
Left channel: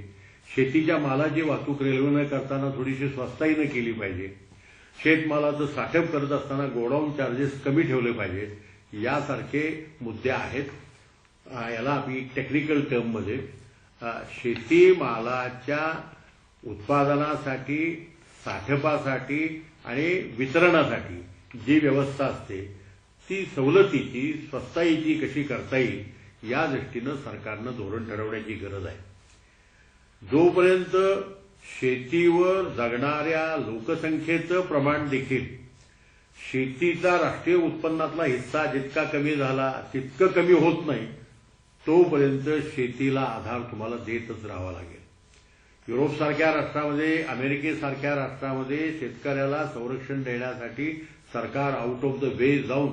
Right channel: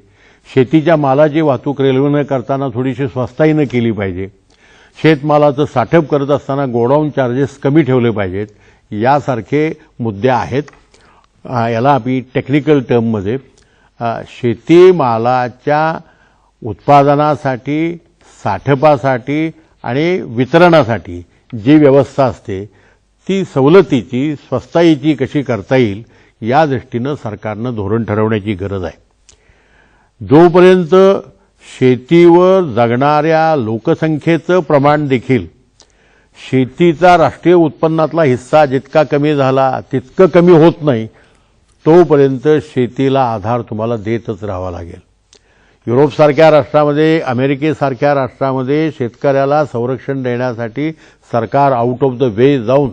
शेतीच्या मालाची वाहतूक रेल्वेनं करताना थोडीशी स्वस्ताईनं केली पाहिजे, शेतमालाचं साठप करत असताना गोडाऊन चार्जेस कमी ठेवले पाहिजेत. यासारखे मुद्दे आहेत. याला आम्ही टेक्निकल टर्ममध्ये शेतीमालाच्या उत्पादनासाठी, साठपासाठी आणि वितरणासाठी जी व्यवस्था असते ती सवलतीची, स्वस्ताईची कशी करता येईल या दृष्टीनं सरकारनं धोरण ठरवण्याची गरज आहे. जोपर्यंत शेतीवर जगणाऱ्या लोकसंख्येचं प्रमाण देखील शेतीचा राष्ट्रीय उत्पन्नातला हिस्सा जितका कमी झाला तितकं कमी होत नाही, तोपर्यंत शेतीला आधार तुम्हाला देतच राहावा लागेल. युरोपसारख्या राष्ट्रामध्ये, अमेरिकेसारख्या राष्ट्रामध्ये शेतकऱ्याला संरक्षण देण्यासाठी सरकार आउट ऑफ द वे जाऊन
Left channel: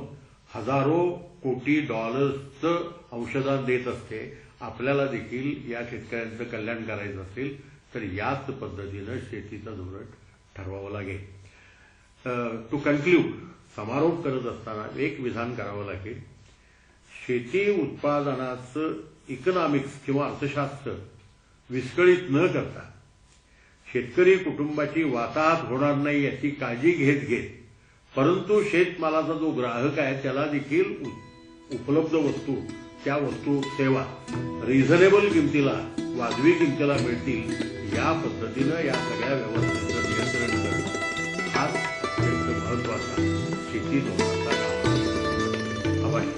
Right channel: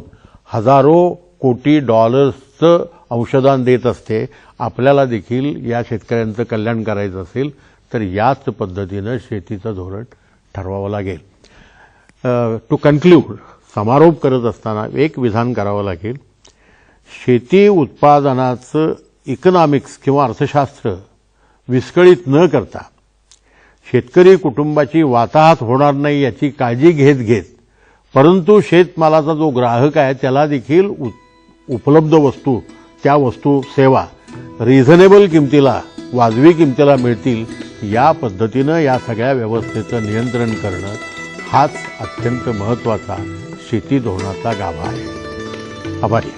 हजारो कोटी डॉलर्सचं अंशदान देत असते. आपल्याला देखील या शेतकऱ्यांचं कल्याण करायचं असेल तर याच पद्धतीनं शेतीचं धोरण ठरवावं लागेल. टू कन्क्ल्यूड, समारोप करत असताना एक विधान करावं लागेल. शेती उत्पादनाचं इकॉनॉमिक्स किंवा अर्थशास्त्र विस्कळीत न करता शेतकरी कुटुंबाची वाताहत होणार नाही याची काळजी घेत परंतु शेतमालाचा जो ग्राहक आहे त्याला देखील उपलब्ध वस्तू, त्या वस्तू सेवा रिझनेबल किमतीला, वाजवी किमतीला मिळतील या पद्धतीनं या सगळ्या व्यवस्थेचं नियंत्रण करणं हाच अत्यंत महत्त्वाचा शेती धोरणाचा गाभा आहे. आभारी.